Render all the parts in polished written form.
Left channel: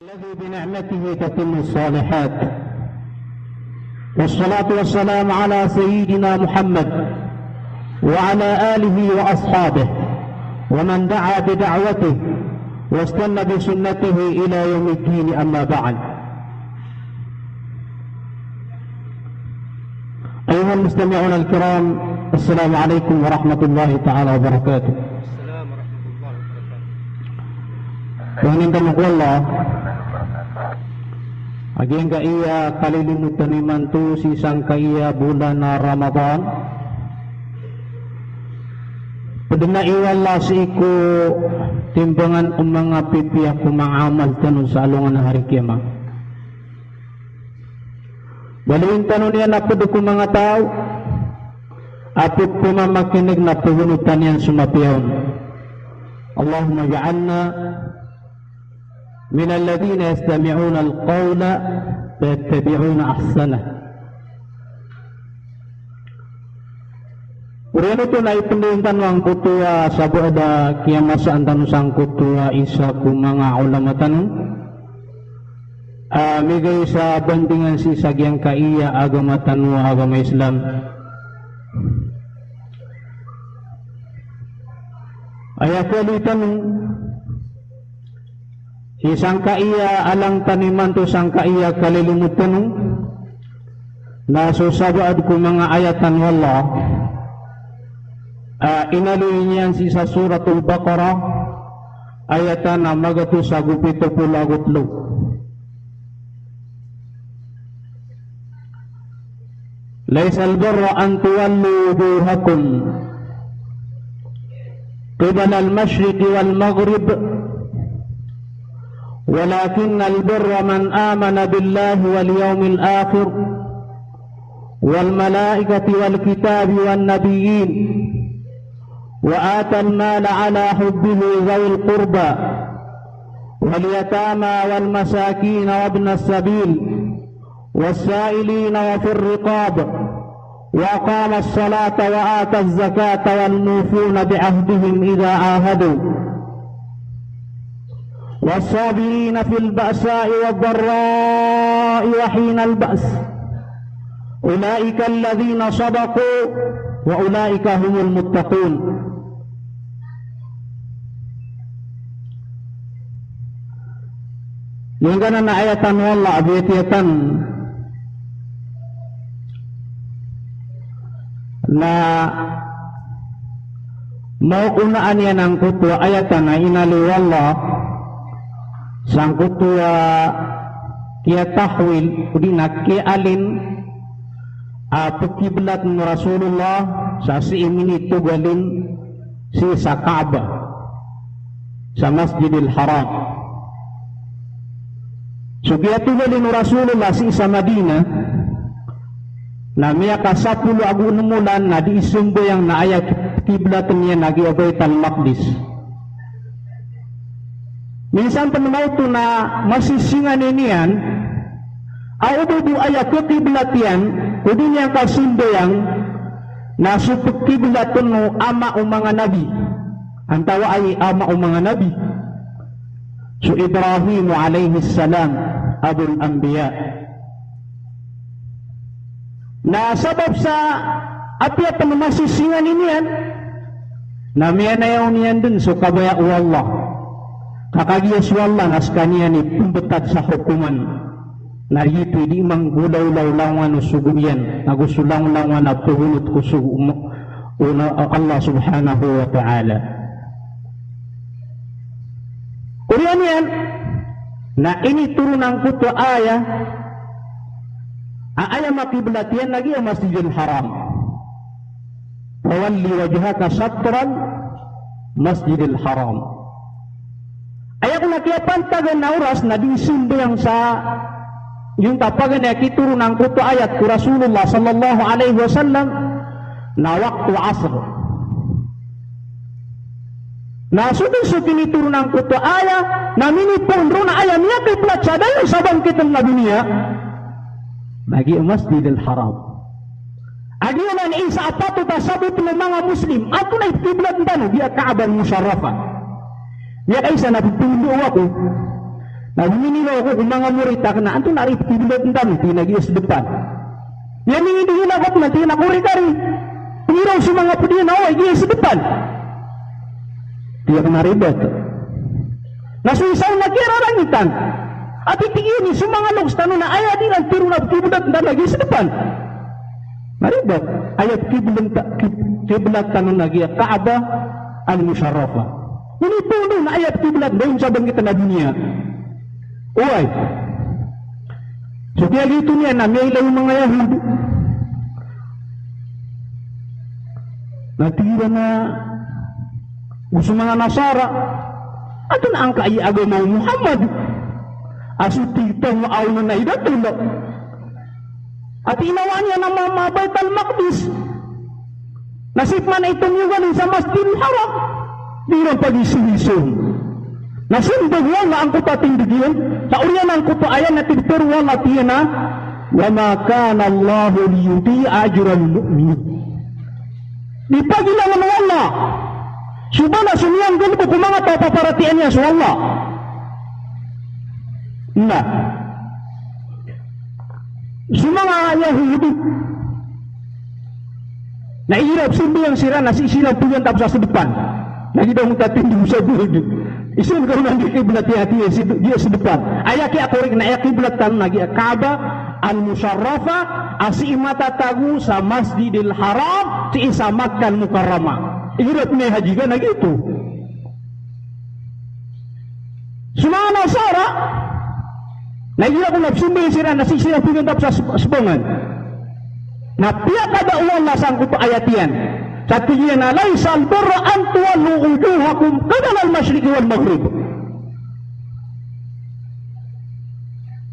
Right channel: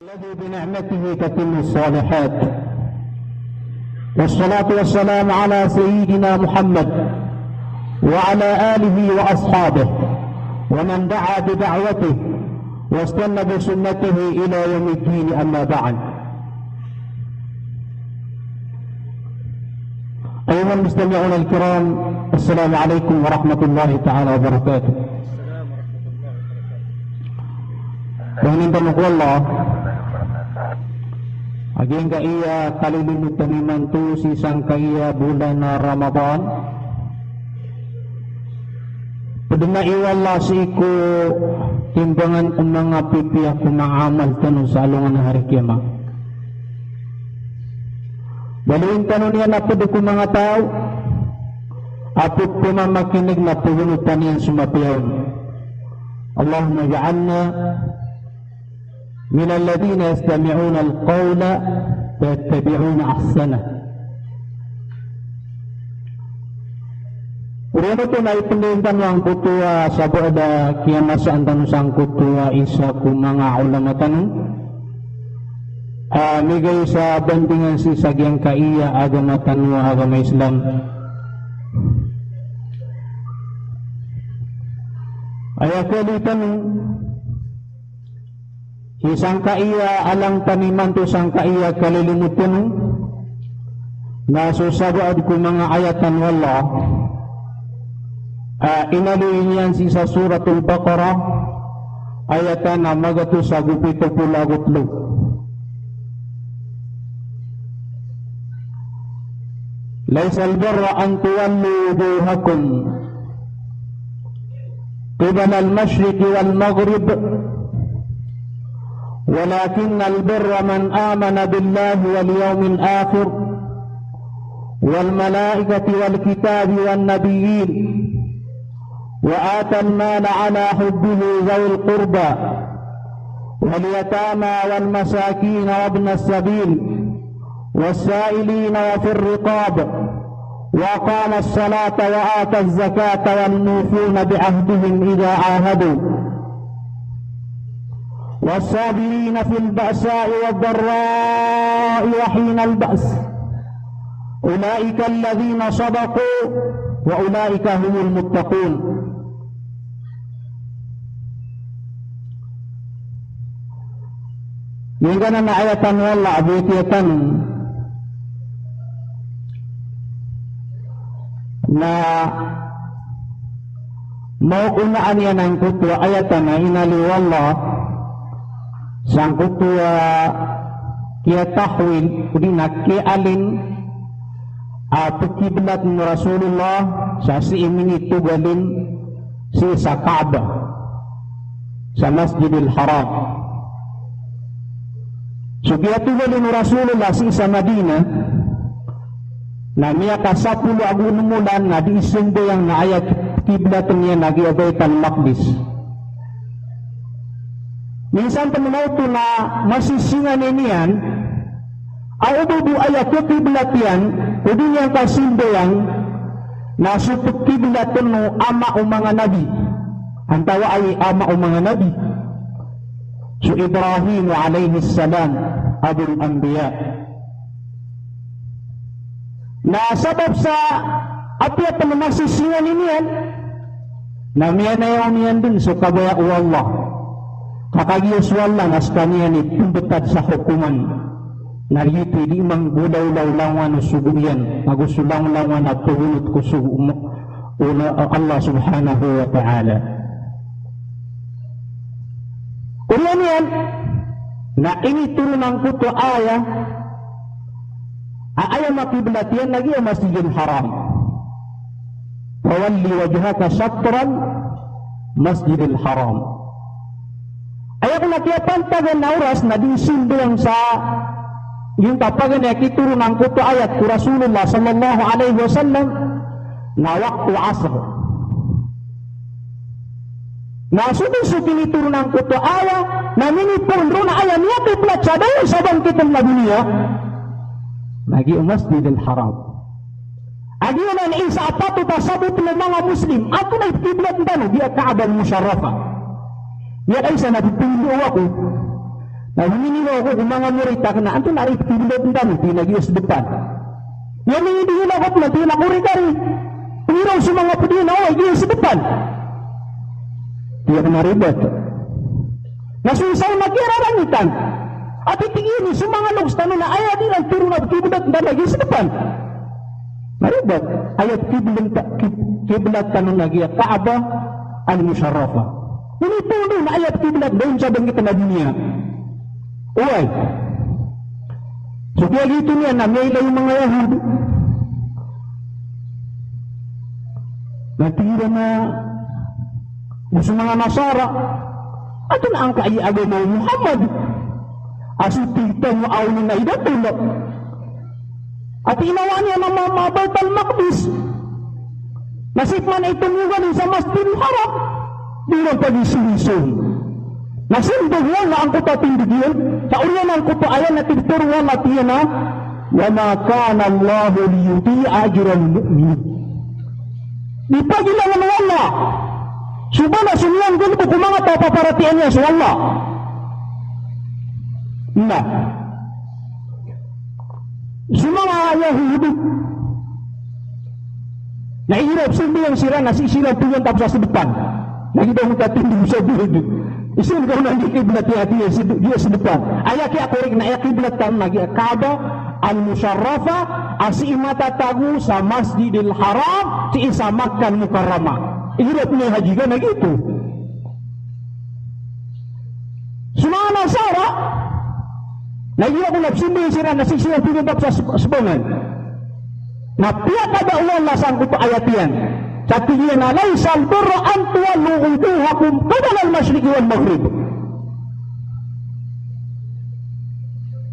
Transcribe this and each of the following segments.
الذي بنعمته تتم الصالحات، والصلاة والسلام على سيدنا محمد وعلى آله وأصحابه ومن دعا بدعوته واستنى بسنته إلى يوم الدين. أما بعد، أيها المستمعون الكرام، السلام عليكم ورحمة الله تعالى وبركاته. Dengan Allah, agen ka iya kalilimutan ni mantu si sangkaya bulan Ramadan. Padana iwala si ko timbangan mga pipiyak kumaamal tanong sa alungan ng hari kiamat. Baluin tanong niya na pwede ko mga tao apit po na makinig na puhunutan yan sumapiyan. Allahumma ja'alna من الذين يستمعون القول فيتبعون أحسنه. Kuriyan ito na ipindihintan yang kutua sa doa kiamasaan tanusang kutua isa kung mga ulama tanong migay sa bandingan si sagyang kaiya agama tanwa agama Islam. Ayat kalitan si sangkaiya alang taniman to sangkaiya kalilimutan na susagaad ko mga ayatan wala inaluin yan si sa suratul Baqarah ayatan na magato sa gupito pulagutlo. Laysa al-birra an tuwallu wujuhakum qibala al-mashriqi wal-maghrib ولكن البر من آمن بالله واليوم الآخر والملائكة والكتاب والنبيين وآتى المال على حبه ذوي القربى واليتامى والمساكين وابن السبيل والسائلين وفي الرقاب وأقام الصلاة وآتى الزكاة والموفون بعهدهم إذا عاهدوا والصابرين في البأساء والضراء وحين البأس أولئك الذين صدقوا وأولئك هم المتقون. Yang kanan ayatan wala abiyatan na mauunaan yan ang kutwa ayatan na inali wala sang kutua kia tahwil kudina kia alin kiblat Rasulullah sa si imini tugalin si sa Kaaba sa Masjidil Haram. So dia tugalin Rasulullah si sa Madina na miya kasapulu agunumulan na di isumbo yang naayat kiblat niya na Baitul Maqdis. Minsan teman itu na masisingan inian ay ubudu ayat kiblat yan kudi niyang kasimbo yang nasuput kiblat no ama o mga nabi antawa ay ama o mga nabi so Ibrahim alayhi salam abul anbiya na sabab sa apya teman masisingan inian na miyanayaw niyan dun so kagaya Allah kakagiyas wala nas kaniya ni tumbetad sa hukuman na yito di mang gulaw-law-lawan o suguyan na gusulang-lawan na puhunot ko uno Allah subhanahu wa ta'ala. Kuriyan yan na initurunang ko to aya makiblat yan lagi ang Masjidil Haram wawalli wajhaka satran Masjidil Haram. Ayaw na kaya pantagan na oras na di sundo yang sa yung tapagan na kituro ng kuto ayat ko Rasulullah sallallahu alaihi wasallam na waktu asr. Na sukin ituro ng kuto ayat na minipong ro na ayat niya kiplat siya dahil sabang kitang na dunia nagi Masjidil Haram. Adi na isa at pato pa sabot ng mga Muslim ako na ikiblat na di at Kaabang Musharrafa. Ya ay sa natutulong ako Lalu minilo ako kung mga murid tak na anto narip tibulot ng dami pinagiyas depan. Yan yung hindi hinagap na tinakuri-kari. Pingiraw sa mga pudin na giyas depan. Tiyak naribet. Nasuisay na kirarangitan. At itigini sa mga nagstano na ay adilang tiro na tibulot ng dami giyas depan. Naribet. Ayat kiblat tanong na giya Kaaba al-Musharrafah. Nilituloy na ayat kiblat doon sa banggitan na dunia. Uy, so kaya dito niya na may ilang mga Yahudi natira na gusto mga Nasara ato na ang kaiagay na Muhammad asutitan mo aw na idatulog at inawa niya ng mga Baitul Maqdis nasip na itong sa Masjidil Haram di na pag-isulisun. Nasundog yan na ang kutatindigin, kauriyanan ko pa ayan na tinturuan at yan na, وَمَا كَانَ اللَّهُ لِيُضِيعَ أَجْرَ الْمُؤْمِنِينَ. Di pagilangan wala. Suba na sumiyang dito kung mga papaparatian niya sa wala. Na. Sumanga Yahudi. Nairap sumiyang sira na sisilang tuyan tapos sa depan. Nakita mong tatindig sa buhid. Isin ko na di kiblat hati dia sa depan. Ayat ki ako rin na kiblat tan lagi Kaaba al-Musharrafah asi matatagu sa Masjidil Haram si isa Makkah Mukarramah. Ihirap ni haji ka na gitu. Sunang Nasara lagi ako nagsimbi sila na sisiya pinundap sa subongan. Napiya kada ulang lasang ko ayat yan. Katanya na laisal birra an tuwallu wujuhakum qibala al-masyriq wal maghrib.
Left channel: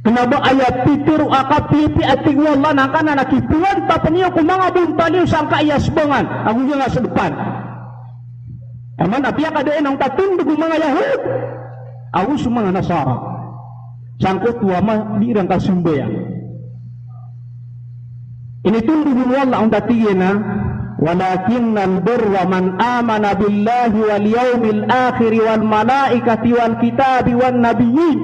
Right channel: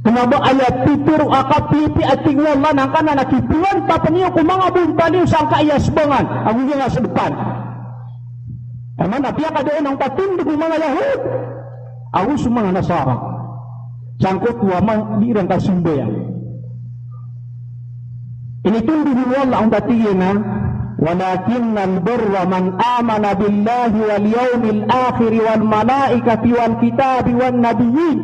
Kenapa ayat pitur akapipi at tingwala na kana nakipuan pa paniyo kung mga buntaliw sa kaayasbangan ang mga sa depan. Taman napiya ka doon ang tatindig ng mga Yahud. Awus mga Nasara. Sangkot waman di rang kasumbayan. Ini tundig wala ang datiyan na ولكن البر من آمن بالله واليوم الآخر والملائكة والكتاب والنبيين.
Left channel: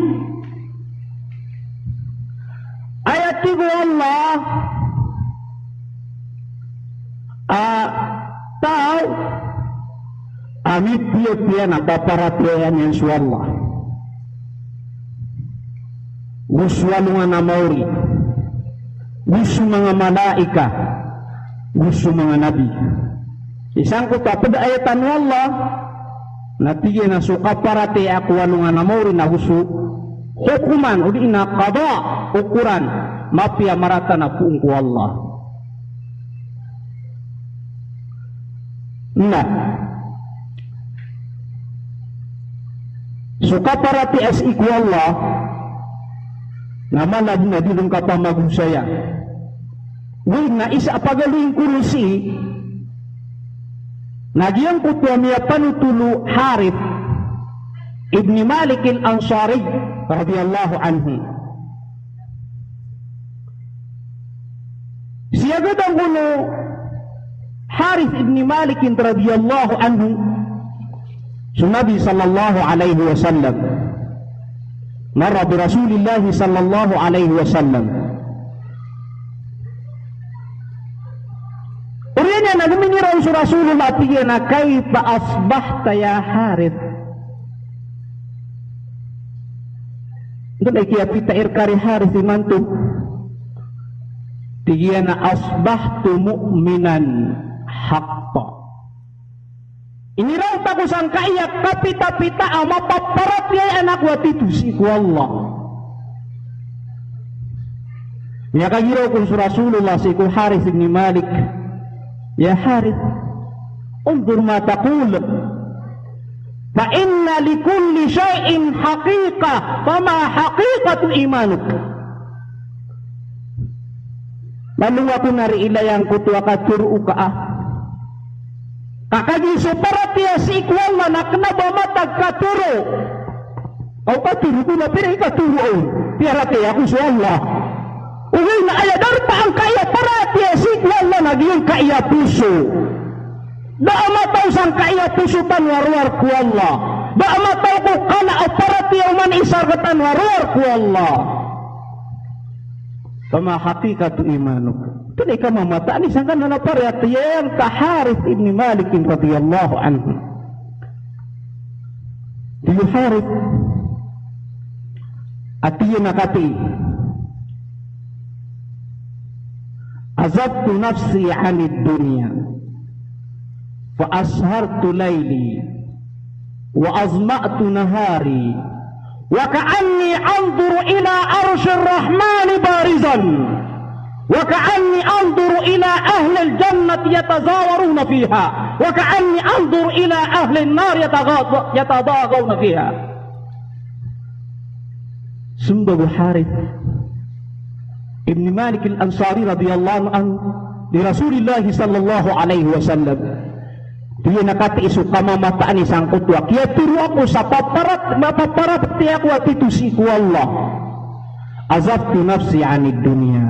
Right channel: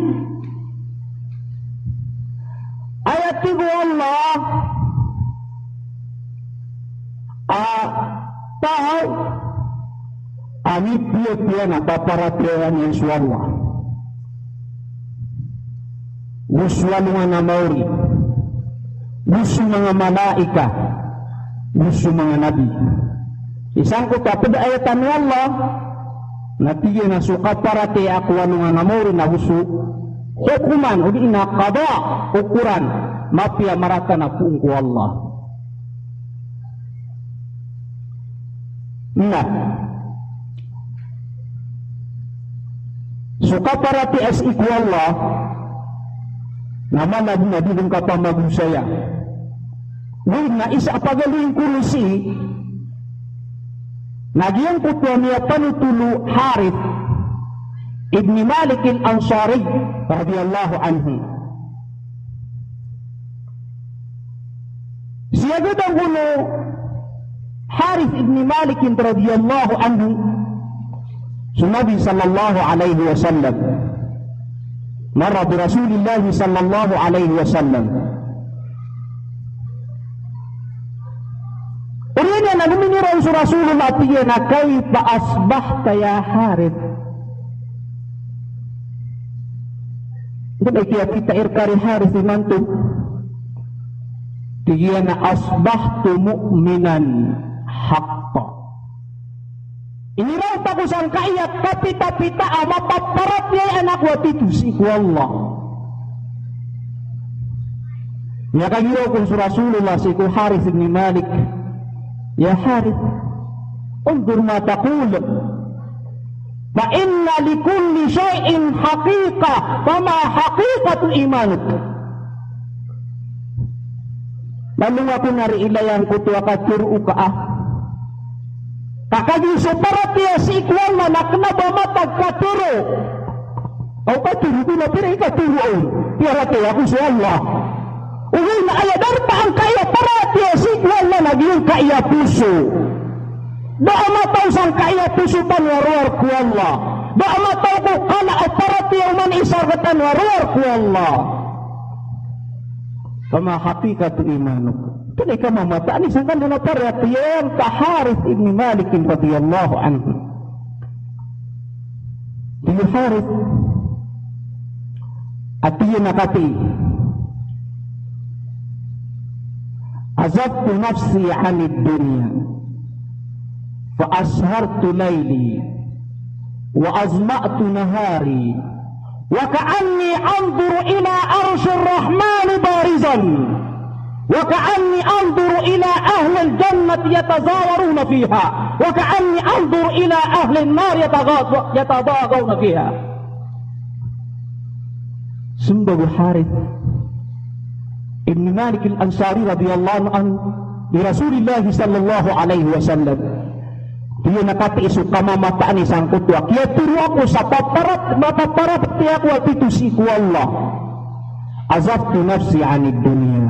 Ayat tiga Allah tahu amit dia na paparatian yang suara muswalungan na mauri musu mga malaika gusto mga nabi. Isang ko pa pada ayatan Allah natigyan na suka parati ako nga namori na gusto hukuman o di na kada ukuran mapia marata na puong ko Allah. Nah suka parati as iku Allah naman nabi ng kapamagusaya. Ngayon na isa pagaling kursi nagyang kutya niya panutulu Harith ibn Malik al-Ansari radiyallahu anhu. Siya gadang ulo Harith ibn Malik radiyallahu anhu sunabi sallallahu alaihi wasallam marra bi Rasulillah sallallahu alaihi wasallam. Urinya nagminiraw sa Rasulullah tiya na kayfa asbahta ya Harith. Ito ay kaya kita irkari Harith nanto. Tiya na asbahtu mu'minan haqqa. Iniraw pa ko sang kaya kapita-pita ang mapaparat niya anak watitu si Allah. Ya kanyiraw kung sa Rasulullah si Harith ibn Malik. Ya Harith, undur ma taqul. Fa inna li kulli shay'in haqiqah, wa ma haqiqatu imanuk. Lalu ako nari ilayang kutu akaturu ka. Kakadi separatiya si ikwal manakna bamatag katuru. Kau katuru bila pira ikaturu. Piara tiya ku sa Allah. Uwi na ayadarta ang kaya paratiya si ikwal managiyong kaya puso. Doon na tayo sang kaya puso panwarwar ku Allah. dak matau ko kana operati man isargatan waruar ku Allah. Kama hakikat imanuk. Tadi kama mata ni sangkan na paratiyan ka Harith ibn Malik radhiyallahu anhu. Di Harith atiya nakati. Azabtu nafsi 'anid dunya fa ashartu layli wa azma'tu nahari wa ka'anni anzuru ila arshir rahman barizan wa ka'anni anzuru ila ahli al-jannati yatazawaruna fiha wa ka'anni anzuru ila ahli an-nar yatadagawna fiha. Sumber Harith ibn Malik al-Ansari radhiyallahu anhu di Rasulullah sallallahu alaihi wasallam. Dia nakati isu pamamataan isang kutwa. Kaya turu ako sa mapaparat tiya ko at itusi ko Allah. Azabtu nafsi 'anid dunya.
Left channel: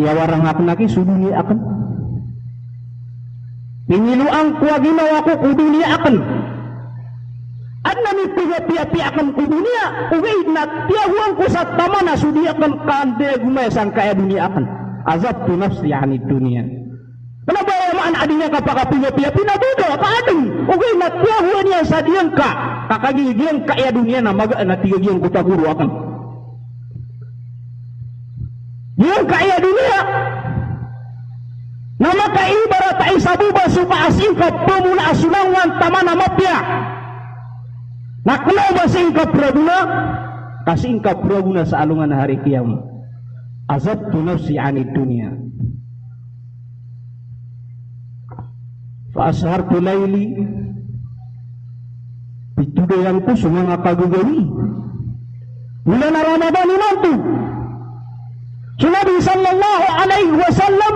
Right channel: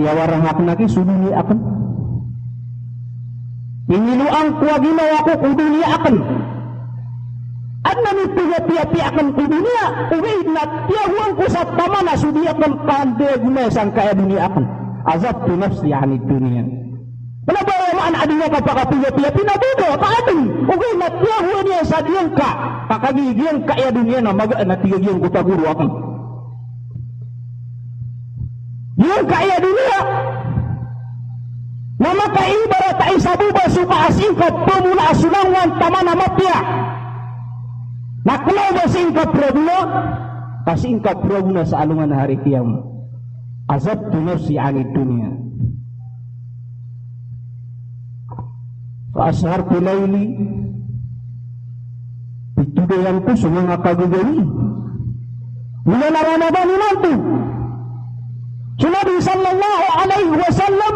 Dia warang akan naki suduni akan. Piniluan ko ginawa ko ku dunia akan. Anna ni piya akan ku dunia. Uwid na tiya huwang ko sa tama na sudi akan kande gumasan kaya dunia akan. Azabtu nafsi 'anid dunya. Kenapa orang adanya kapag piya pinabuga paadin uwi na tiyahu niya sa diyang ka kakagi diyang ka ya dunia na maga na tiyo diyang kutaguro akan diyang ka ya dunia na makaibarat ay sabuba suka asingkat pumula asinangan tama na mapya nakuha ba singkat praguna kasingkat praguna sa alungan na hari kiyawi. Azabtu nafsi 'anid dunya Ashartu layli pitudayan ko sa mga kagugali mula na Ramadan inanto sinabi sallallahu alaihi wasallam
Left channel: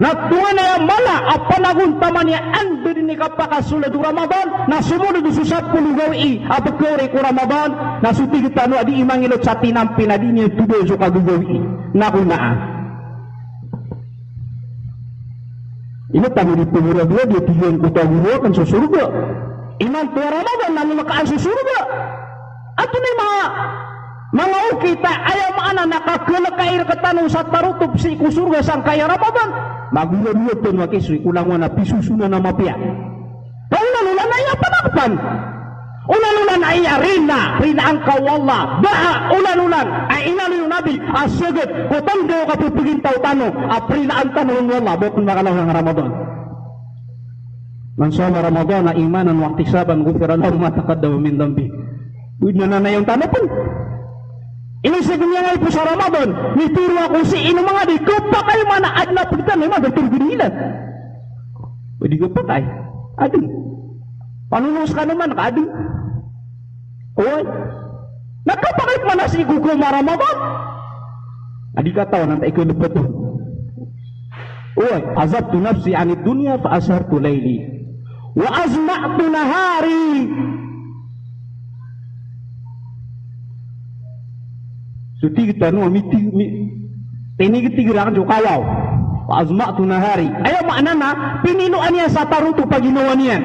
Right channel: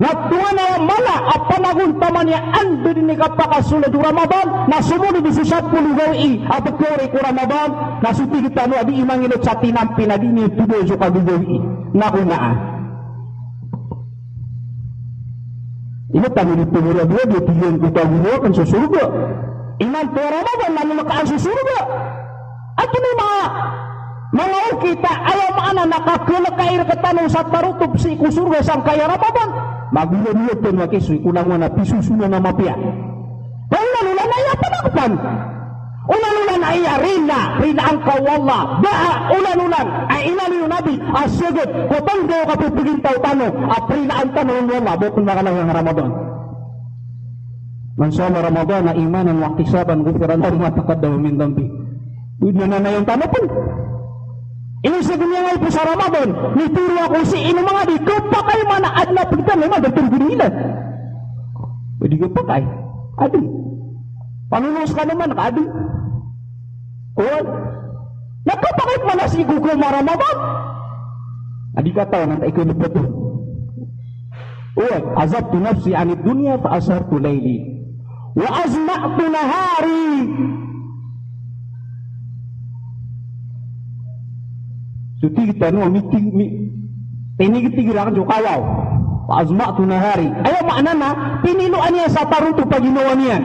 natuwa na yung mala at panaguntaman niya ando din ni kapakasulad yung Ramadan na sumunod yung susat po lugawi at pagkari ko Ramadan na sutigitano adi imangilot sa tinampi na din yung tudoy sa kagugali na kunaan. Ina kami dipumura-dua dia tujuan kita gunakan sa surga. Iman po Ramadan namin nakaan sa surga. At yun mga kita ayaw maana nakakulakair katanong sa tarutob si kusurga sang kaya Ramadan. Magulo-gulo po nga kisri kulangan na pisusuna na mapia. Pero nalulan ay napanakan. Ulan-ulan ay rina ang kawala. Daha ulan-ulan ay inalulan nabi asyagit kutang daw kapipigin tautano aprina ang tanong wala bukong nakalawang Ramadan. Man sama Ramadan na imanan wa ihtisaban ghufira lahu ma taqaddama min dhanbi. Uyd na nanayang tanapan. Inisig niya nga po sa Ramadan. Nituro ako si ino mga di kupa kayo mana adna pagtan naman dagtong ginila. Pwede ko pa tayo. Adi. Panunos ka naman adi. Oh. Nagkapakit man na si Gugu na Ramadan. Adi ka tao nang tayo nabot. Oh. Azabtu nafsi 'anid dunya fa ashartu layli. Wa azma'tu nahari. Sutigita no tinigirakan jo kawaw. Wa azma'tu nahari. Ayaw maana na pininuan niya sa taruto pag ginawa niya.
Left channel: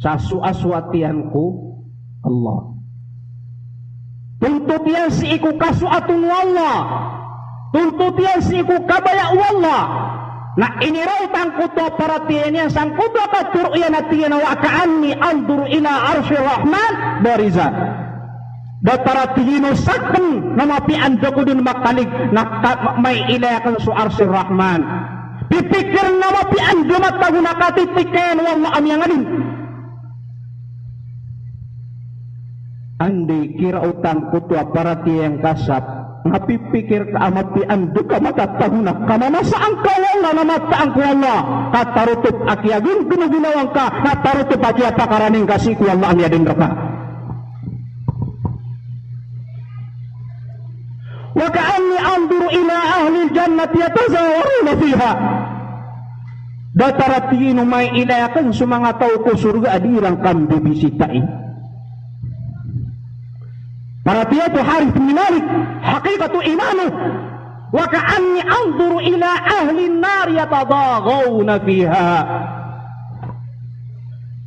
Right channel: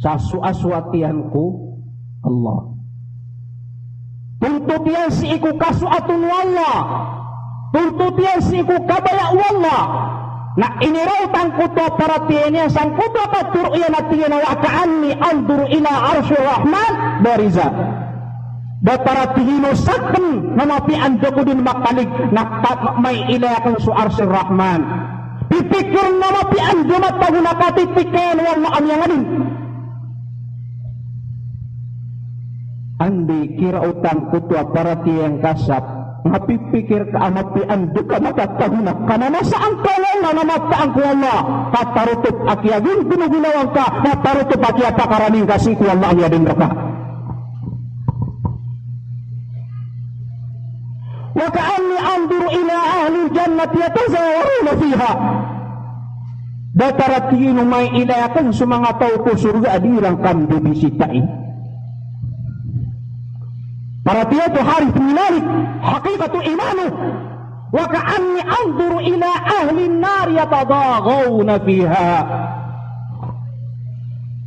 Sa suaswatian ko Allah. Tuntut yan si iku kasuatun wallah. Tuntut yan si iku kabaya wallah. Na inirautan ko to perhatian niya sang kuto kacur yan at yan wa ka'anni andur ila arsyur rahman barizat. Dataratiino sakten hanapian ko din makalig na may ilayakan su arsyur rahman. Pipikir na mapian dumat pagunakatitikin wala amyanganin. Andi kira utang kutua parati yang kasap napipikir ka amapi ando ka matatagnak kanana saan ka wala na mataan ko Allah katarutup at yagin pinaginawan ka katarutup at yata karaming kasi ko Allah niya din raka wa ka'anni anzuru ila ahli al-jannati yatazawaruna fiha dataratiino may ilayakan sa mga tao ko surga adirang kang bibisitain. Para dia tu Harith bin Malik hakikatu imanu wa ka'anni anzuru ila ahli an-nar yatadaghawna fiha.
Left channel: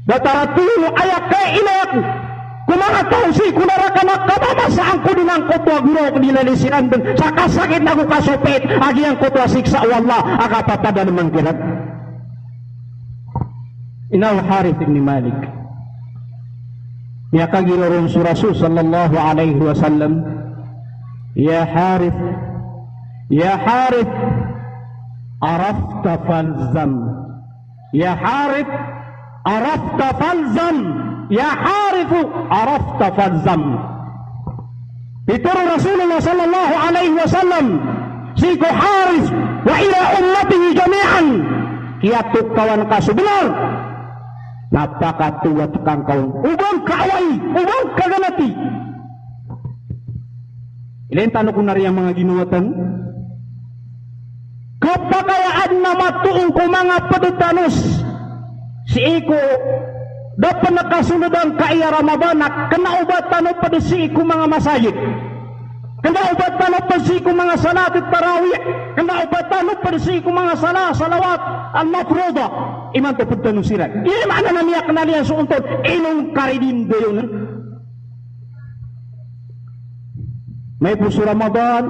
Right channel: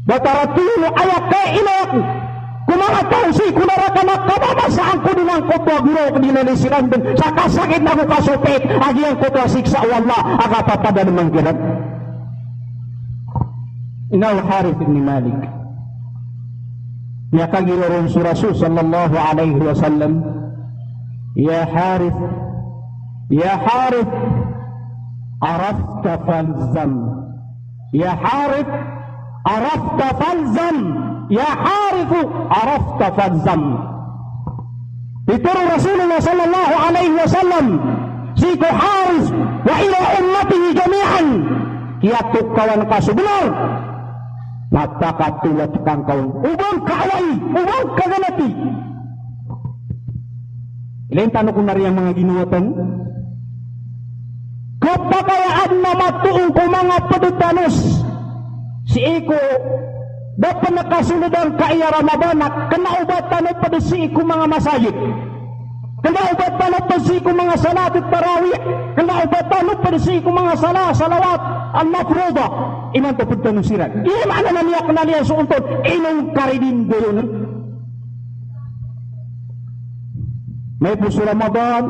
Bataratuno ayaka ilayaku kumangatang si kunaraka na kababasaan ko din ang kuto giro ko nilalisiran dun sa kasakit na ko kasupit agi ang kuto siksa wala agapapada naman girat. Ina Harith ibn Malik ya kajiron si Rasul sallallahu alaihi wasallam, ya Harith arafta falzam, ya Harith arafta falzam, ya Harith arafta falzam. Itu Rasulullah sallallahu alaihi wasallam si Harith wa ila ummatihi jami'an kiatuk kawan kasubilan napakatulat kang kawan ubang kaalay, ubang kaganati. Ilain tanong kung nariyang mga ginuwatan kapagayaan na matuong ko mga padutanos si Iko dapat nakasunod ang kaiyaran na ba na kanaubatan o padisi ko mga masayid, kanaubatan o padisi ko mga salat at tarawih, kanaubatan o padisi ko mga salawat ang mafroda iman ko putong sirat iya maana na niya kanaliyan suuntod inong karidin goyon. May puso Ramadan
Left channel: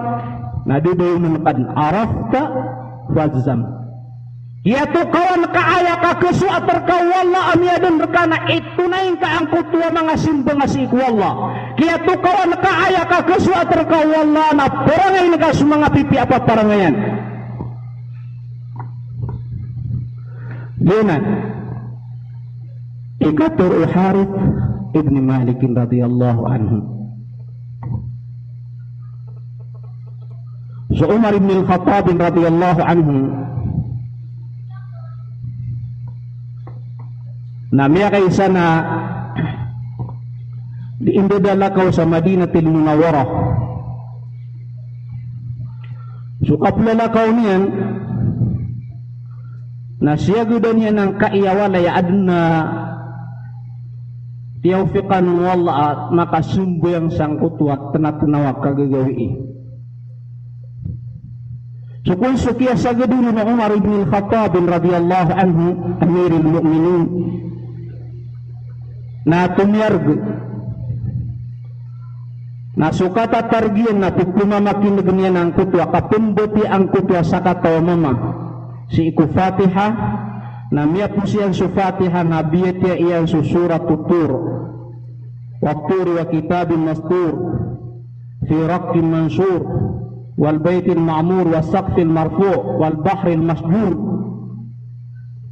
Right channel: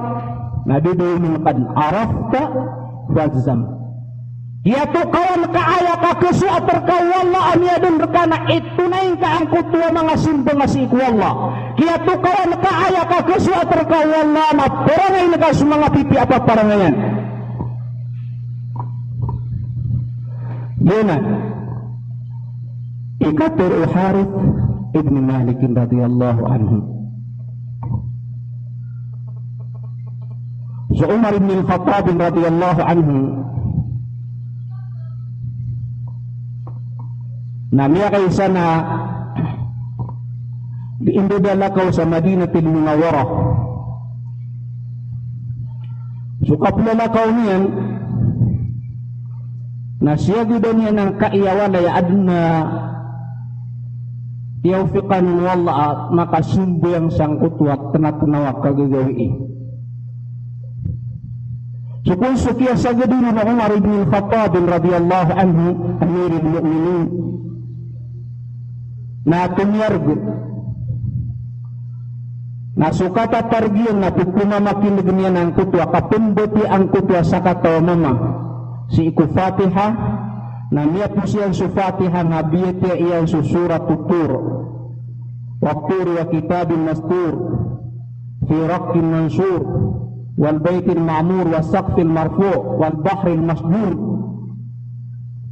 nadidoy mga arafta wadzam yato kawan kaaya ka kusu atar kawala amyadun rekana itu naing ka ang kutua mga simbo nga si ikwala yato kawan kaaya ka kusu atar kawala na perangay na kasu mga pipi apa parangayan. Dina ikatur Harith ibn Malik radhiyallahu anhu. So Umar ibn al-Khattab radhiyallahu anhu namanya kay sana diindodala ko sa Madinatul Munawwarah. So kapla ko niyan na siya gudan niya ng kaiyawalay adna tiyawfikan wala at nakasumbo ang sangkutwat tanapunawa kagagawi. So kung sukiya sa gadulo na Umar ibn al-Khattab radhiyallahu anhu amirul mu'minin na tumiyargo na sukata targiyon na pupumamakinig niya ng kutwa kapumboti ang kutwa sa katawa mama si iku Fatiha na miya po siyang su Fatiha na biyetiya iyan su surat tutur wakturi wa kitabin mastur fi raqin mansur wal baitil ma'mur wa saqfil marfu' wal bahril masjur.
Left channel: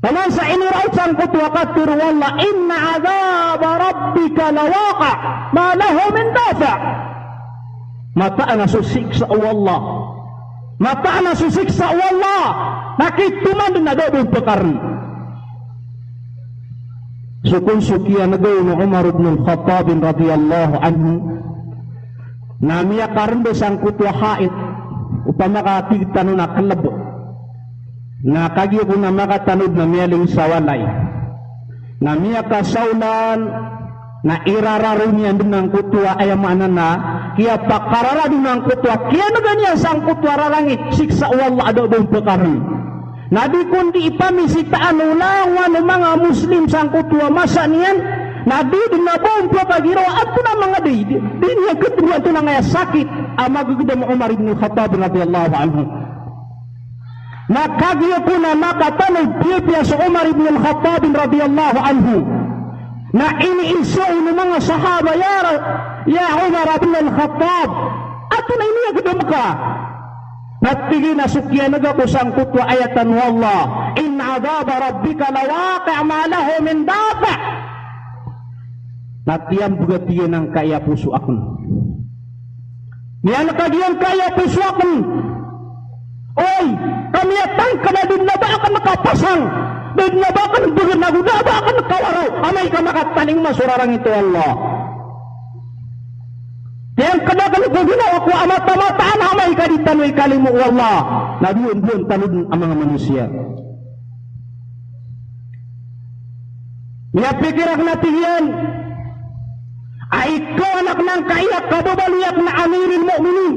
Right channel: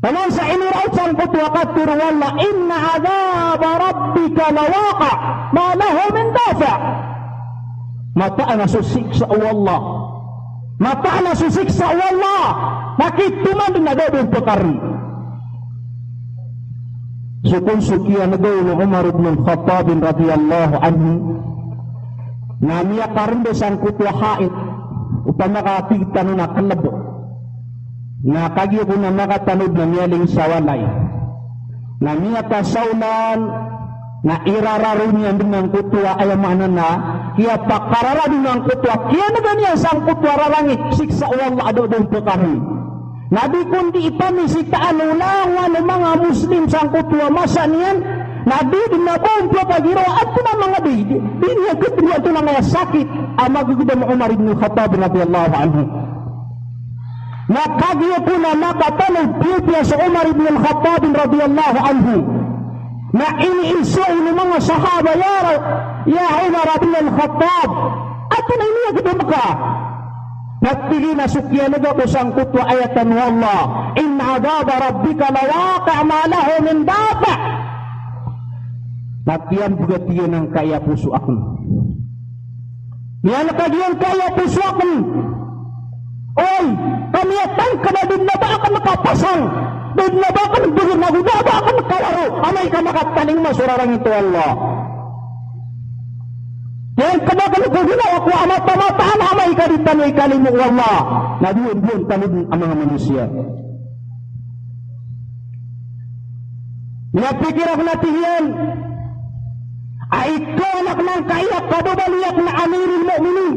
Pamansa inurautan ko tuwakatur wala inna adhab rabbika lawaqa ma lahu min dafa. Mataan na susiksa Allah, mataan na susiksa Allah, nakituman na dobong pekari. Sukun sukiya na doon ng Umar ibn al-Khattab radhiyallahu anhu na miya karindo sang kutwa hait upama kakatigitan na kanabo na kagyo ko na makatanud na miyaling sawalay na miya kasaulan na irararo niya ng kutwa ayamana na kaya pakarara ng kutwa kaya na ganyan sang kutwa rarangit siksa Allah adobong pekari na di kundi ipamisitaan ulangan ng mga Muslim sang kutwa masa niyan na di dinabong pagiro at na mga di niya ketria ito na ngaya sakit ama gugida mo Umar ibn Khattab radhiyallahu anhu na kagyo po na makatanog piya sa Umar ibn Khattab radhiyallahu anhu na iniiso ng mga sahaba ya Umar ibn Khattab at na iniya gudam ka natili na sukya na gato sang kutwa ayatan wallah inna adhaba rabbika lawaqi' ma lahu min dafa. Natiyan juga tiyan ang kaya puso ako. Niyan nakagyan kaya puso ako. Oy, kami atang ka na din na ba ka makapasang? Din na ba ka nagbigir na guda ba ka makawaro? Amay ka makataning masurarang ito Allah. Yan ka na ka nagbigir ako amata-mataan amay ka din tanoy kalimu Allah. Nabiyon-biyon tanod ang mga manusia. Niyapikir ako natin yan. Ay ikaw anak ng kaiyak kababaliyak na amirul mu'minin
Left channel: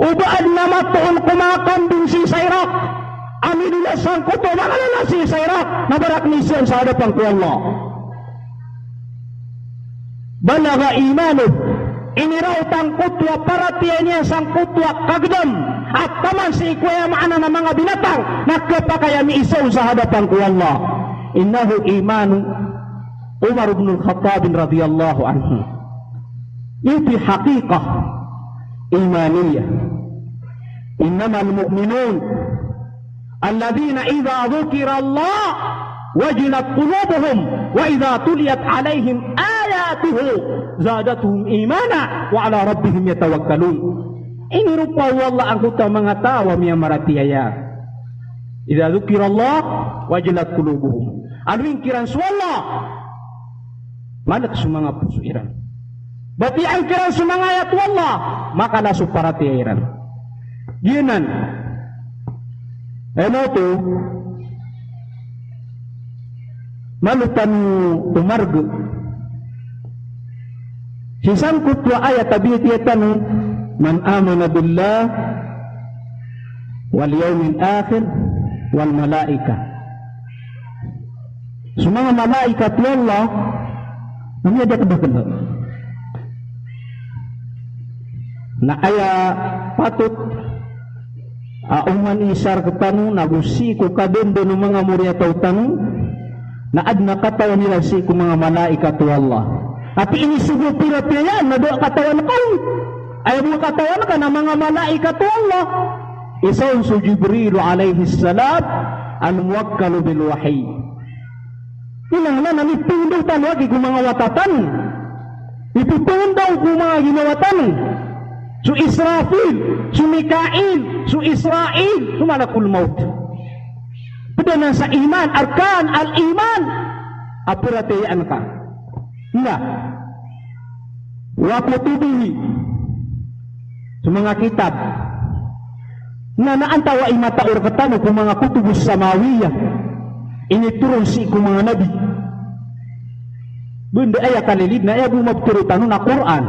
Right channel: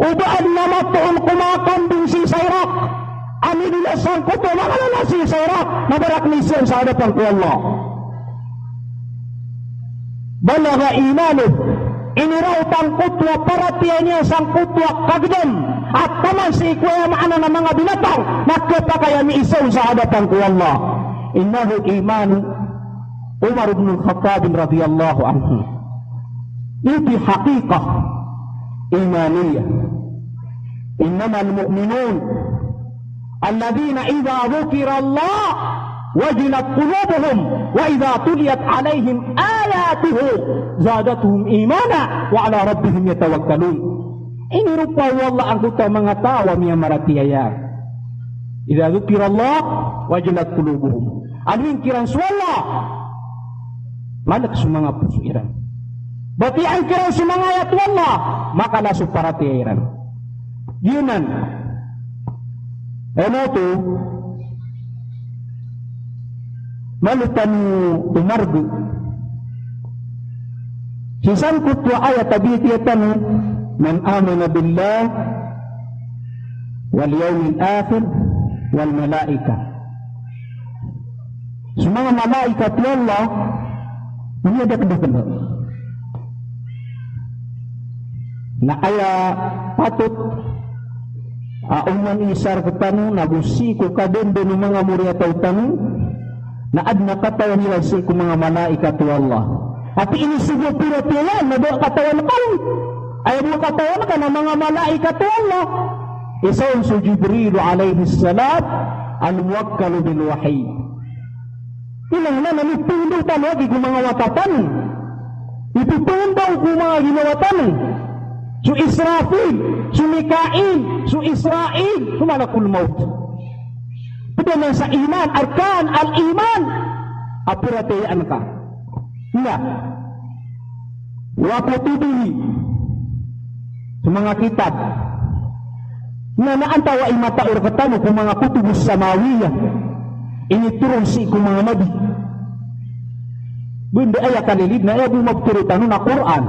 Ubaan na matuon kumakambing si Sayrak. Amin nila sangkot na si Sayrak. Nabarak misyon sa hadapan ko Allah. Balaga imanu. Inirautan kutwa paratian niya sang kutwa kagdam. At taman si ikuya maana ng mga binatang. Nagkapakaya mi isaw sa hadapan ko Allah. Innahu imanu Umar ibn al-Khattab radhiyallahu anhu. Iti haqiqah imaniyah. Innama al-mu'minun alladhina idha dhukira Allah wajilat qulubuhum wa idha tuliyat alaihim ayatuhu zadatuhum imana wa ala rabbihim yatawakkalun. Ini rupa Allah anggota mengatawa miya maratiyaya. Idza dzukira Allah wajilat qulubuhum. Amin kiran suwallah malak sumanga pusuiran. Bati ang kiran sumanga ayat Allah maka lasu paratiran. Yunan ano to malutan tumargo sisan kutwa ayat tabiyatan man amana billah wal yawmil akhir wal malaika. Semua malaikat Allah ini ada kebetulan na aya patut uman isar ketanu nabusi ko kadondo ng mga murya tanu na adna katawan nila si ko mga malaikat Allah. At ini sugo pira-pira na do katawan ko. Ay do katawan ka ng mga malaikat Allah. Isa si Jibril alayhi salam al-muwakkal bil wahyi. Inahna na nipindutan lagi ko mga watatan. Ipipindaw ko mga ginawatan. Su Israfil, su Mikail, su Israel, kumalakul maut. Pada nasa iman, arkan al-iman. Apiratayaan ka. Nga. Wapatuduhi. Sa mga kitab. Na naantawa imataur katano kung mga kutubus samawiyah. Initurun si kung mga nabi. Bunda ay kalilid na ay bumagturutan na Quran.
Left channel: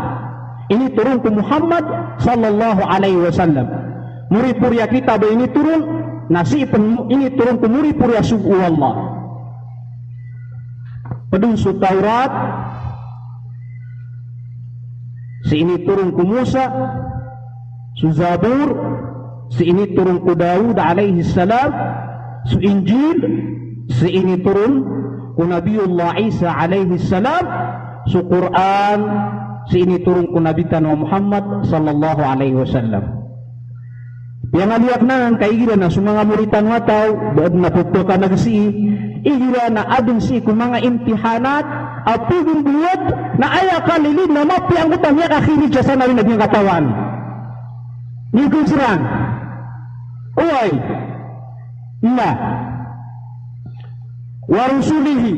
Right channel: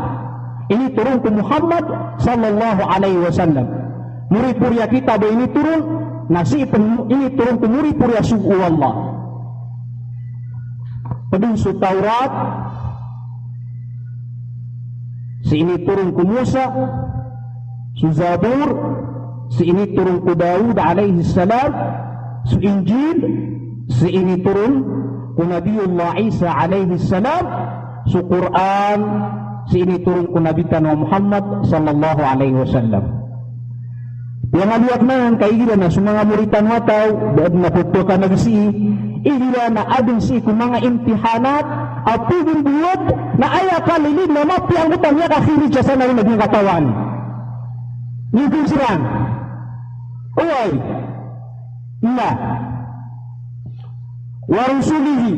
Ini turun ke Muhammad sallallahu alaihi wasallam. Muri-purya kita ba ini turun? Nasi ini turun ke muri-purya suku Allah. Padung su Taurat. Si ini turun ke Musa. Su Zabur. Si ini turun ke Daud alaihi salam. Su Injil. Si ini turun ke Nabiullah Isa alaihi salam. Su Quran. Si ini turun ke Nabi Tanah Muhammad sallallahu alaihi wasallam. Yang aliak na kaigira na sumanga muritan wataw doon na putukan na si igira na adun si kung mga imtihanat at piging buwad na aya kalilid na mapi ang utang niya kakilid siya sa narin naging katawan. Ngigong silang uway na warusulihi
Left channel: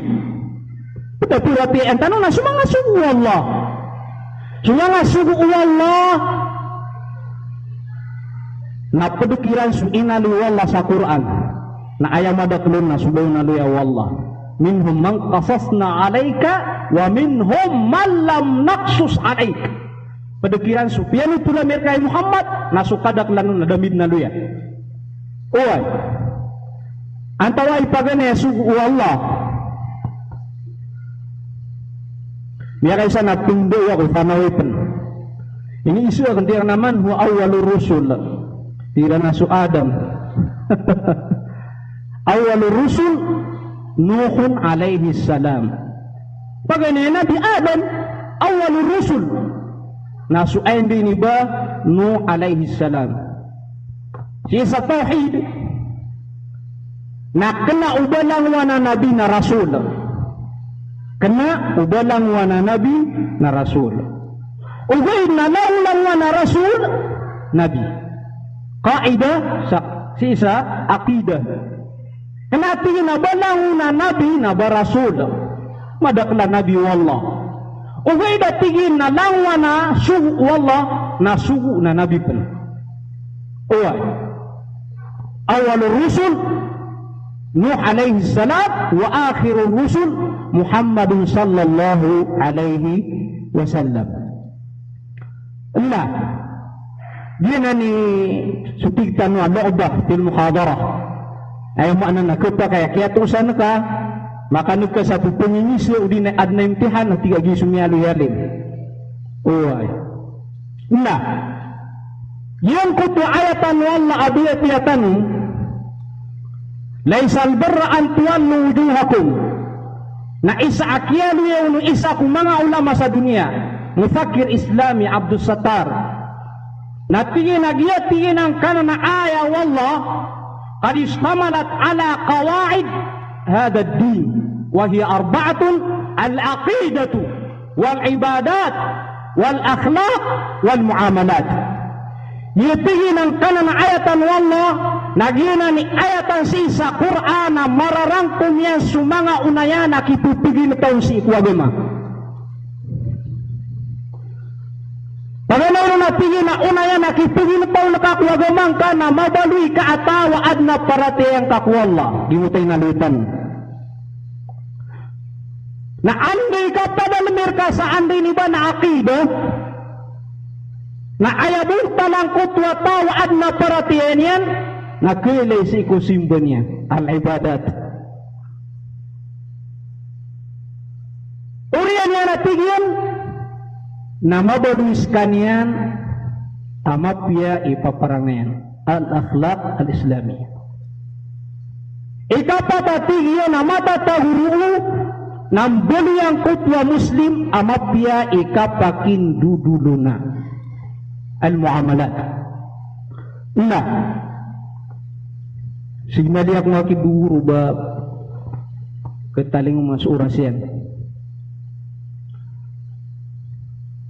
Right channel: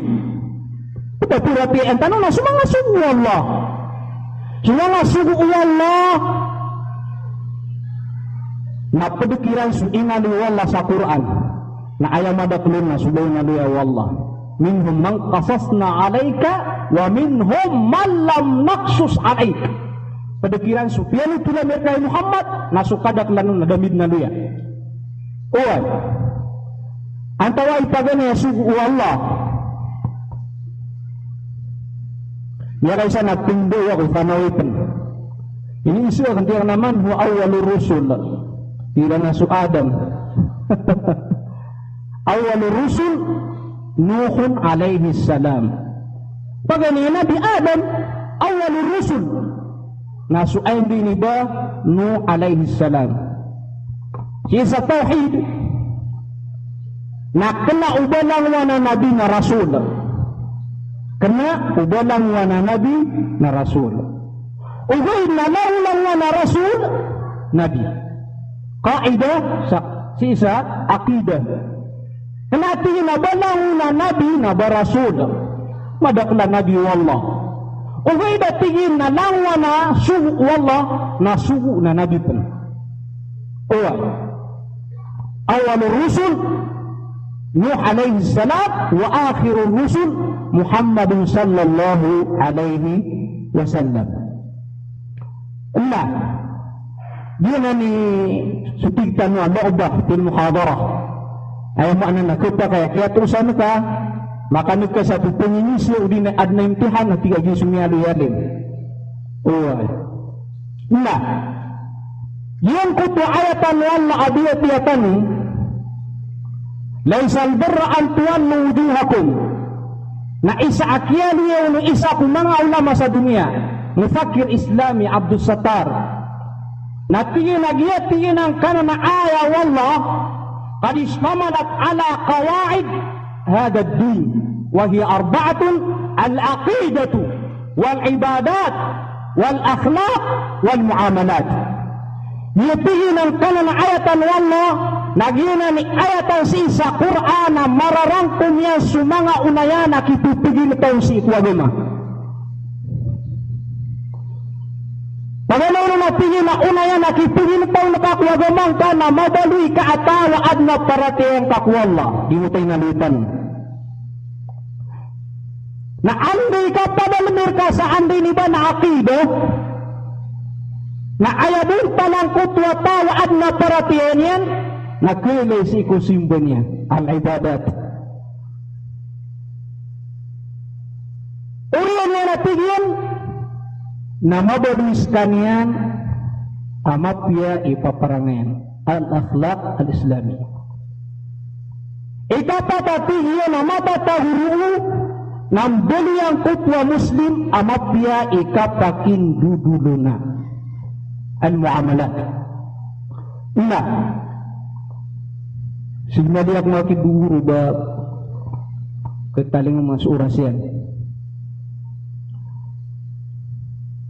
tapi ang tanong na sumanga sugu Allah. Sumanga sugu Allah na pedikiran su inali wallah sa Quran na ayam madaklun na subay na luya wallah minhum man qasasna alayka wa minhum man lam naqsus alayka. Pedikiran su piano tula mereka Muhammad na sukadak lanun na damit na luya. Oy antawa ipagane sugu Allah biarai sana pindo ya kufanawitan. Ini isu akan tira naman huwa awalur rusul. Tira nasu Adam. Awalur rusul Nuhun alaihi salam. Pagani Nabi Adam awalur rusul. Nasu ayin bini ba Nuh alaihi salam. Sisa tauhid. Na kena ubalang wana Nabi na Rasul. Kena ubalang wana Nabi na Rasul. Ubaid na naulang wana Rasul Nabi. Kaidah sisa akidah. Kena tingin na balang wana Nabi na Rasul. Madakla Nabi wallah. Ubaid na tingin na lang wana sugu wallah na sugu na Nabi pun. Uwa. Awalul rusul Nuh alaihi salam wa akhirul rusul Muhammad sallallahu alaihi wasallam. Nah, Dia ni sutigtan wa mu'bah fil muhadarah. Ay mo anan nakita kaya kaya terusan ka makanut ka sa pengingis yo di adna imtihan ng tiga gisumnya lu yadin. Oy. Nah. Yang kutu ayatan wala abiyatiyatan laisa al-birra an tuwallu wujuhakum. Na isa akyan yo isa kung mga ulama sa dunia. Mufakir Islami Abdul Sattar. Natingin ang kanana ayah wallah qad istamalat ala qawaid hada ad-din wa hiya arba'atun al-aqidatu wal ibadat wal akhlaq wal muamalat. Natingin ang kanana ayatan wallah nagina ni ayatan si sa Quran na mararangkum yan sumanga unayana kitupigil taon si itwagina. Pagalayo na tingin na una yan, nakipigil tayo nakakuwagamang ka na mabaluy ka atawa at na paratayang kakwala. Di mo tayo nalutan. Na anday ka padalmir ka sa anday ni ba na akido, na ayabun talang kutwa tawa at na paratayan yan, nakilay si kusimbo niya, al-ibadat. Uriyan yan natigyan, na mabaluis kanian tamapya ipaparangayan al-akhlaq al-islami. Ikapapatigyan na matataguru ng buliyang kutwa muslim amapya ikapakinduduluna al-muamalat. Una, signaliak na kiburu ba ketaling mas urasyan.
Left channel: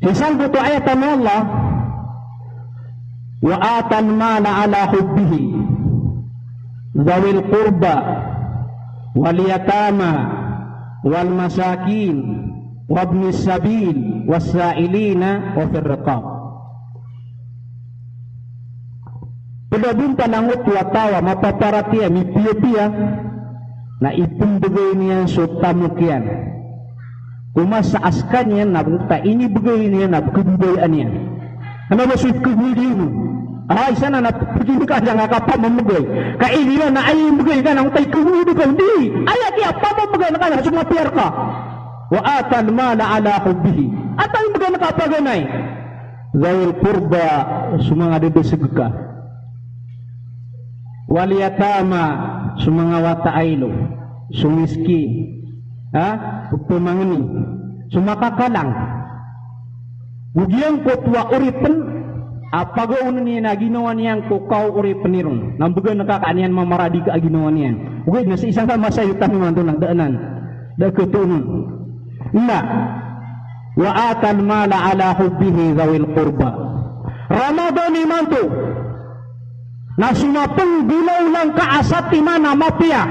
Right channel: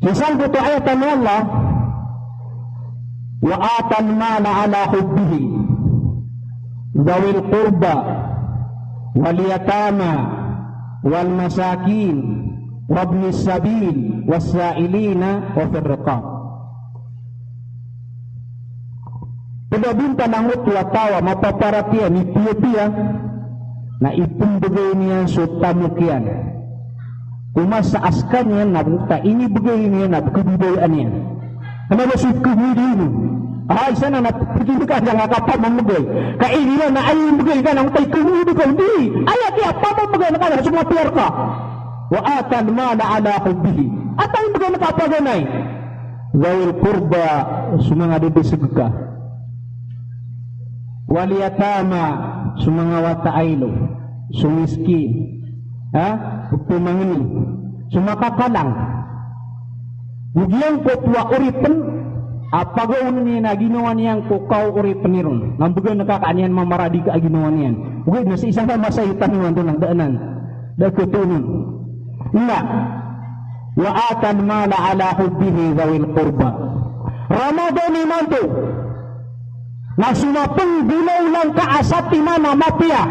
Isang kutu ayatan Allah wa atan mana ala hubbihi dhawil qurba wal yatama wal masakin wabnis sabil wasailina wa fir riqab. Pinabunta ng mutwatawa mapaparatiya ni piya-piya na ipumbagay niya sa tamukyan. Kumasa askan yan na bukta, inibigay niya na kubibayan niya. Ano na sukubili mo? Isa na napagin ka niya nga kapag mamagay. Kaili na ay ibigay ka ng tay kumibig ka. Hindi! Ay, kaya papamagay na kanya, summa pier ka. Wa atan mana ala hubbihi. At ang ibigay na kapaganay. Zawil purba, sumanga debesig ka. Waliyatama, sumanga wataaylo. Sumiski. Pumangani sumakakalang Ugyang kutwa uripen apagaw niya na ginawa niyang kukaw uripen niron nambugan nakakaanian mamaradi ka ginawa niyan ugay na sa isang masayutan nung nandun ang daanan dakutunan na wa atan mala ala hubbihi zawil qurba Ramadan iman to na sumapang gulaw lang kaasati na mapia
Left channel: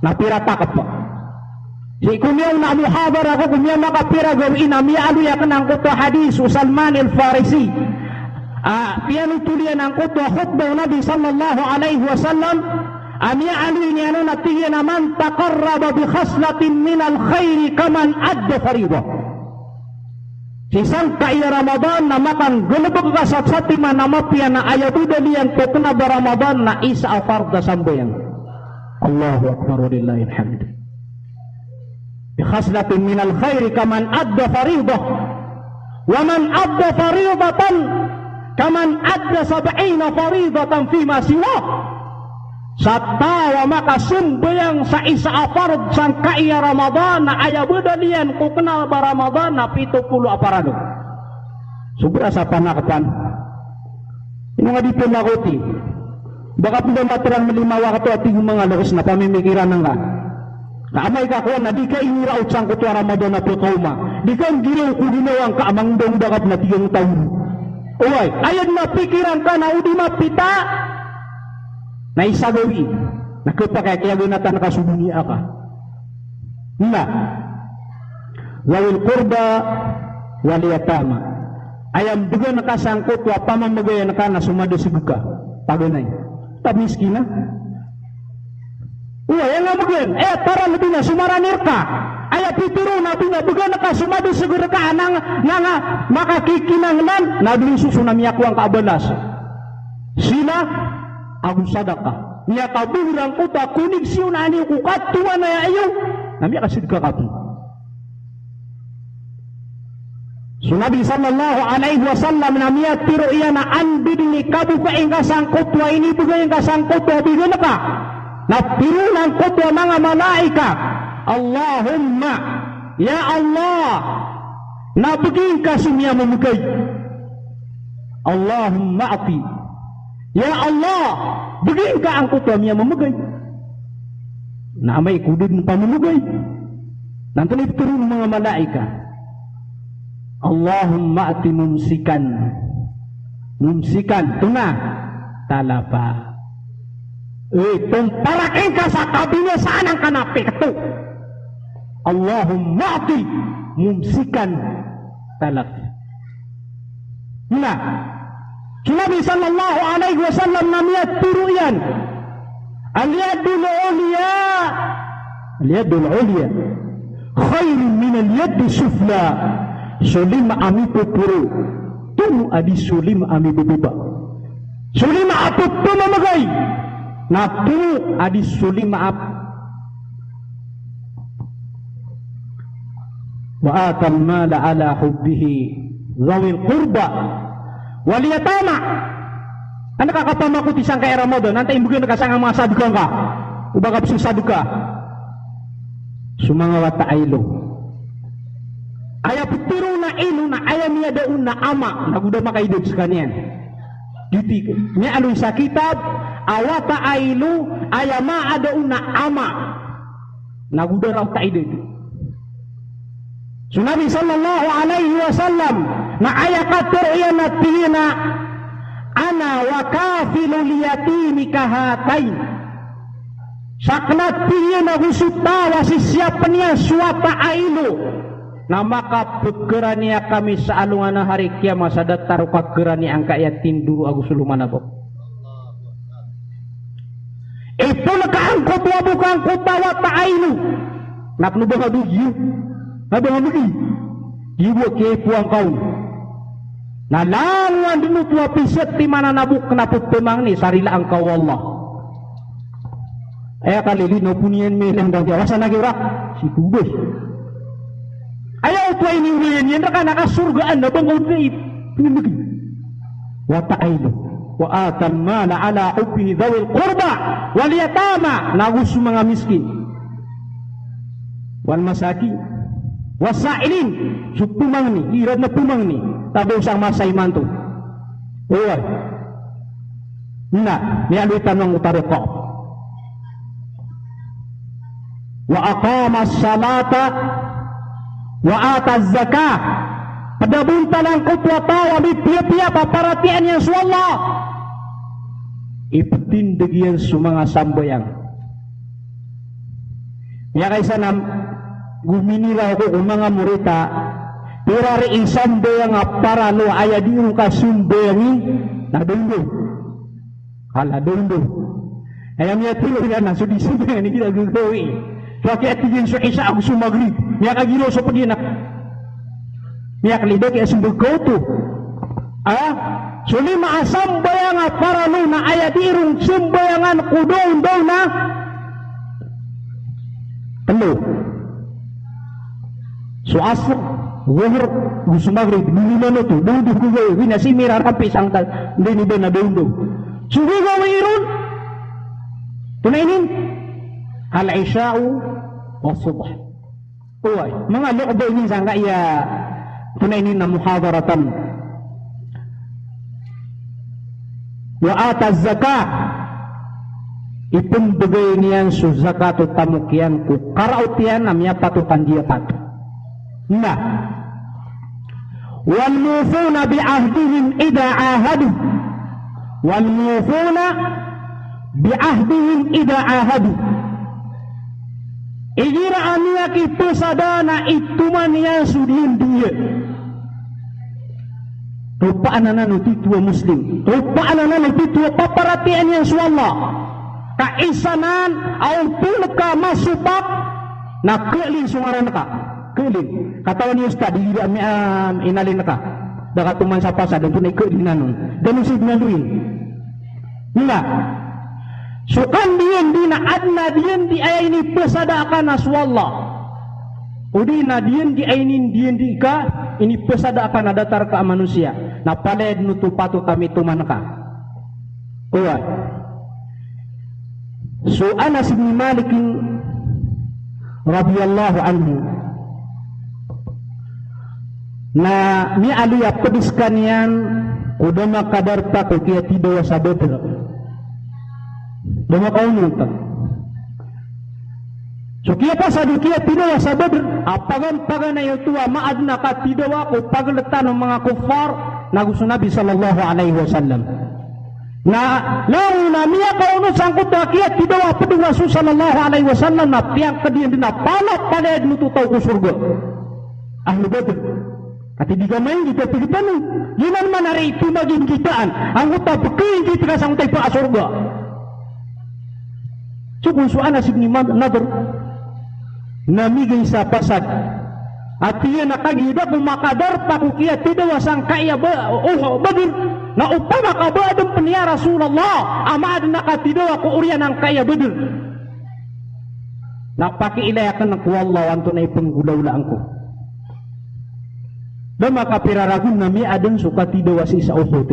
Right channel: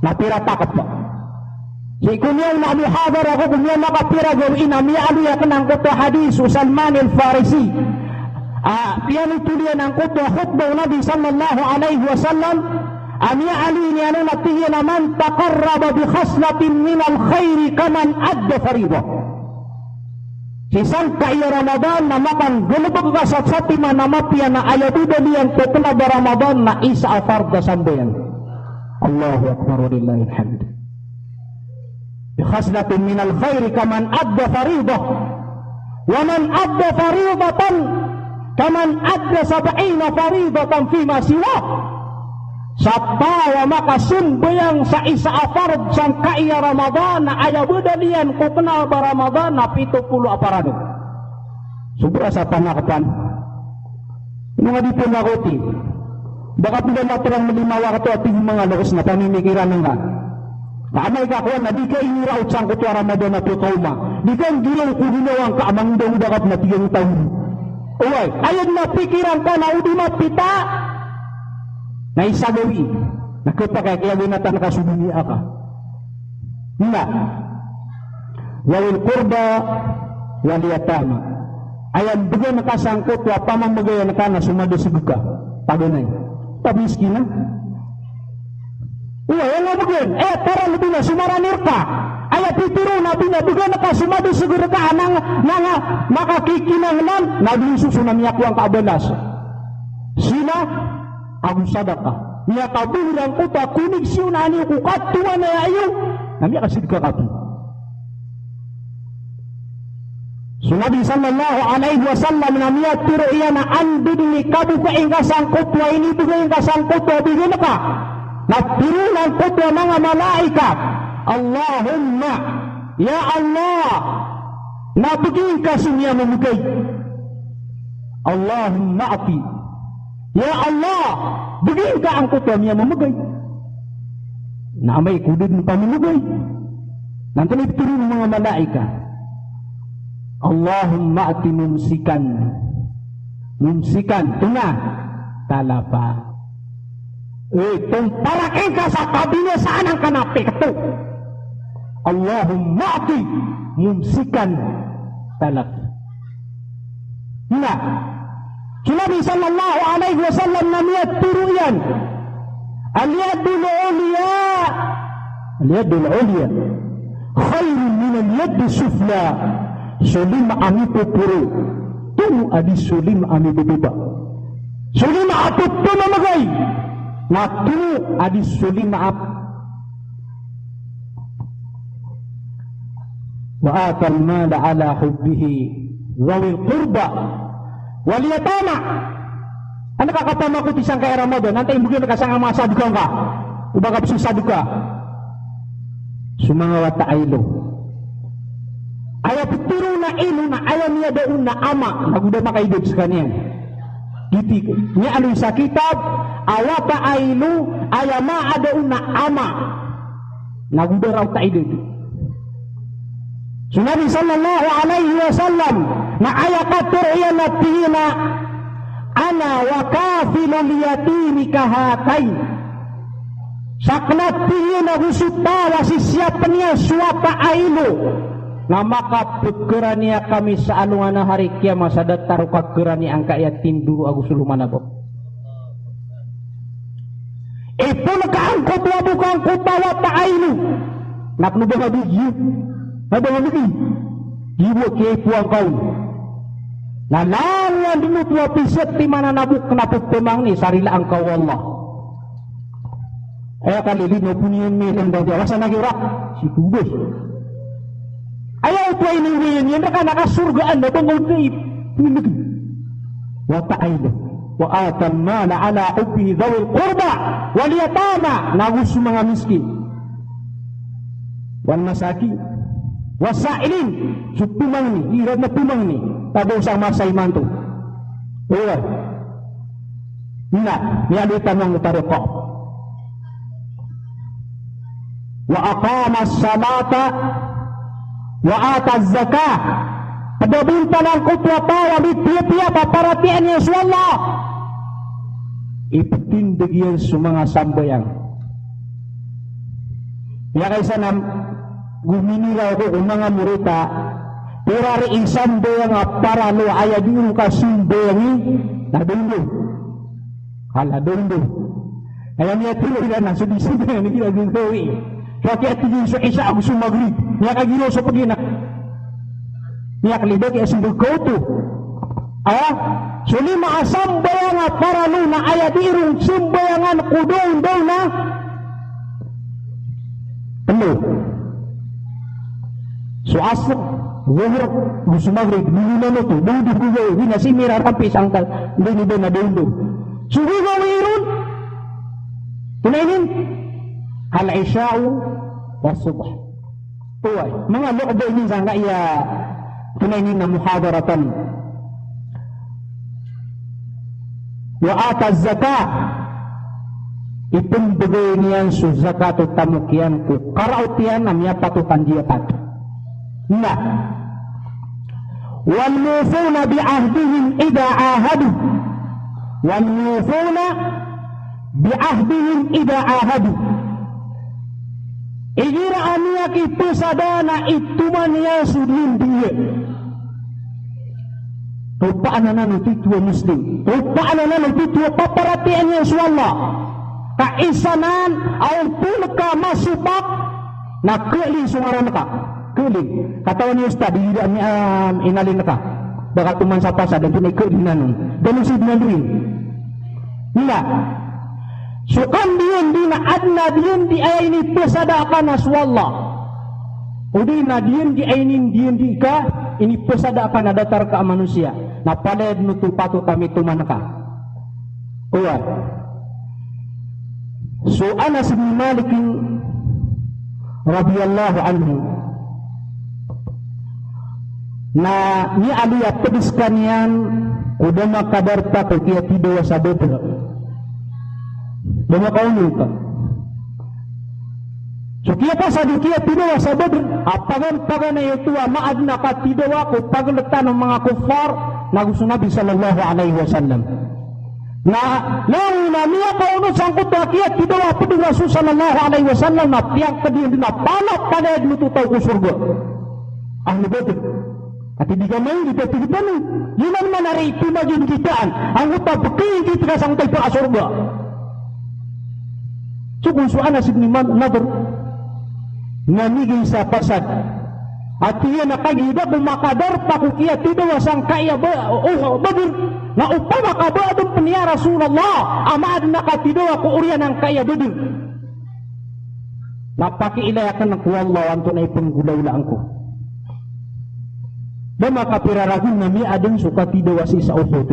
napirata ka pa. Si kunyaw na muhadar ako kunyaw nakapira gawin amya ano yakan ang kuto hadis Salman al-Farisi. Piano tulian ang kuto khutbah Nabi sallallahu alaihi wasallam amya ano ini ano natigyan naman taqarraba bi khaslatin min al-khairi kaman adda faridah. Isang kaya Ramadan na makan gulubog ka sa satima na mapya na ayatuda liyan putla ba Ramadan na isa afarda sambayan. Allahu Akbar wa lillahi alhamd. Bikhaslatin min al-khairi kaman adda faridah wa man adda faridatan kaman adda 70 faridatan fima siwa. Sa tawa makasumbayang sa isa afard sang kaya Ramadan na ayabuda liyan putla ba Ramadan na 70 aparado. Sobra sa panakapan. Ini nga dito makuti. Baka pinamatirang malimawa ka to at yung mga lakas na pamimikiran ng ka. Naamay ka ko na di ka iniraot sang kuto Ramadan na putoma. Di ka ginaw kudinawang ka amang daw dakat na tiyong taon. Uway, ayan na pikiran ka na udi mapita. Na isa gawi. Nakita kaya ginatan nakasubinia ka. Na. Wawil kurba waliyatama. Ayan bigyan nakasangkot wa pamamagayan ka na sumado sa buka. Pagunay. Tabiski na. Uy, yan nga bigyan. Para lebih na sumaranir ka. Aya pituro nabi na bukan nakasumado siguro ka nang makakikinanglan na susunam niya ko ang kaabalas. Sina ang sadaka. Niya kabilang ko ta kunig siyo na ani ko katuwa na yayo. Nami kasid ka kapi. So Nabi sallallahu alaihi wasallam na niya tiro iya na andin ni kabu ka ingasang kutwa ini bukan ingasang kutwa bigyan ka. Natiro ng kutwa mga malaika. Allahumma ya Allah nabigin ka sumya mamugay. Allahumma ati ya Allah bigin ka ang kutwa niya mamugay. Na may kudid ng pamamugay. Nanto na ituro ng mga malaika. Allahumma ati mumsikan tuna talapa. Itong parakin ka sa kabinya saan ang kanapik ito. Allahumma ati mumsikan talapa. Na Nabi sallallahu alaihi wasallam na niya turo yan. Al-yadul ulya khairun min al-yad sufla. Sulim ami pupuru tu adi sulim ami bebeba. Sulim api pemamagay na tu adi sulim ap wa atal mala ala hubbihi zawil qurba wal yatama. Ano kakapama ko tisang kay Ramadan nanti imbugin nakasangang mga saduka ka ubagap susaduka sumanga wata aylo. Aya pituro na ilo na aya niya daun na ama naguda makaidod sa kaniyan. Diti niya aloy sa kitab awata aylo aya maa daun na ama naguda raw taidod. So Nabi sallallahu alaihi wasallam na aya katur iya na tingina ana wa kafilul yatimi kahatain. Saklat tingina gusutawa si siapa niya suwata aylo. Na makapikira niya kami sa alungan na hari kiamat sa datar kakira niya ang kayatin dulu agus luman ako. Ito nakaangkot wa bukang kutawa taayno. Naknubaga bugyo. Nabaga bugyo. Iwo kipo ang kau. Nalawan dinut wa piset di mana nabuk naput temang ni sarila ang kau Allah. Kalili na punian menen dan jawasa nagira si tubos. Ayaw ito ay niwiyan yan na nakasurgaan na itong ngayit punig wa ta'aylo wa atan mala ala ubi dhawil qurba wal yatama nagus mga miskin wal masaki wasailin sutumang ni hirap na tumang ni tado sa masay manto uwa na nialitan ng utaroko wa aqama salata wa ataz zakah padabunta ng kutwa tawa di tiya-tiya paparatian niya sa Allah ipatindig yan sa mga sambayang niya kaysa na guminila ako kung mga murita pero rin sambayang para no ayadino ka sumbayangi na dundo hala dundo ayam niya tuloy na ng subisimbayan hindi na dundowi Pati atigin sa isa ako sumagrib. Niya kagilo sa paginak. Niya kalibag ay sumbukoto. So lima asambayangan para no na ayatirong sumbayangan kudong daw na ano? So asok, zuhur, sumagrib, nilunano to, dundo, winasimira rapis ang dinido na dundo. So gagawin ron. Tunainin? Al-Isya'u wa subh. Uway, mga lokdo ini sangka iya tunainin na muhadaratan. Wa ataz zakah ipumbigay niyan su zakatu tamukyan ku karautian namanya patutan dia patu. Nah, wal mufuna bi ahdihim idza ahadu. Wal mufuna bi ahdihim idza ahadu. Ijira ania kita sadana ituman yang sudin dia. Tupa anak itu tua muslim. Tupa anak itu tua paparatian yang sualla. Kaisanan au pulka masubak na keling sumara naka keling kata ni ustaz di inalin naka dapat tuman sapa sa dan tunai keinginan dan usib nandrin nila sukan dian dina adna dian di ayat ini pesada akan aswallah udi na dian di ayat ini dian di ka ini pesada akan datar ka manusia na pada nutu patut kami tuman naka kuat so Anas bin Malik radhiyallahu anhu na ni alu ya pediskan yang udama kadar tak dia tidur sabot dama kaunu tak so kia pasal dia tidur sabot apagan pagan itu maad na ka tidur ko pagletan ng mga kufar nagusto Nabi sallallahu alaihi wasallam na lalu na niya kaunu sangkot kia tidur pedung Rasul sallallahu alaihi wasallam na tiang kadian dina palat kaled mututaw ko surga ahli Badr Ati di gamay di petigitan yinan manari tumagin kitaan ang uta betul kita sampai pa surga. Cukup su Anas bin Nadr namigay sa pasad. At iyan nakagida bumakadar pakukiya tidak wasang kaya Badr na upama kabadong peniya Rasulullah amaad nakatido ako uriyan ang kaya Badr. Napakiilayakan ng kuwallah anto na ipanggulaw-laan ko. Dama kapiraragun nami adang suka tidak was isa Uhud.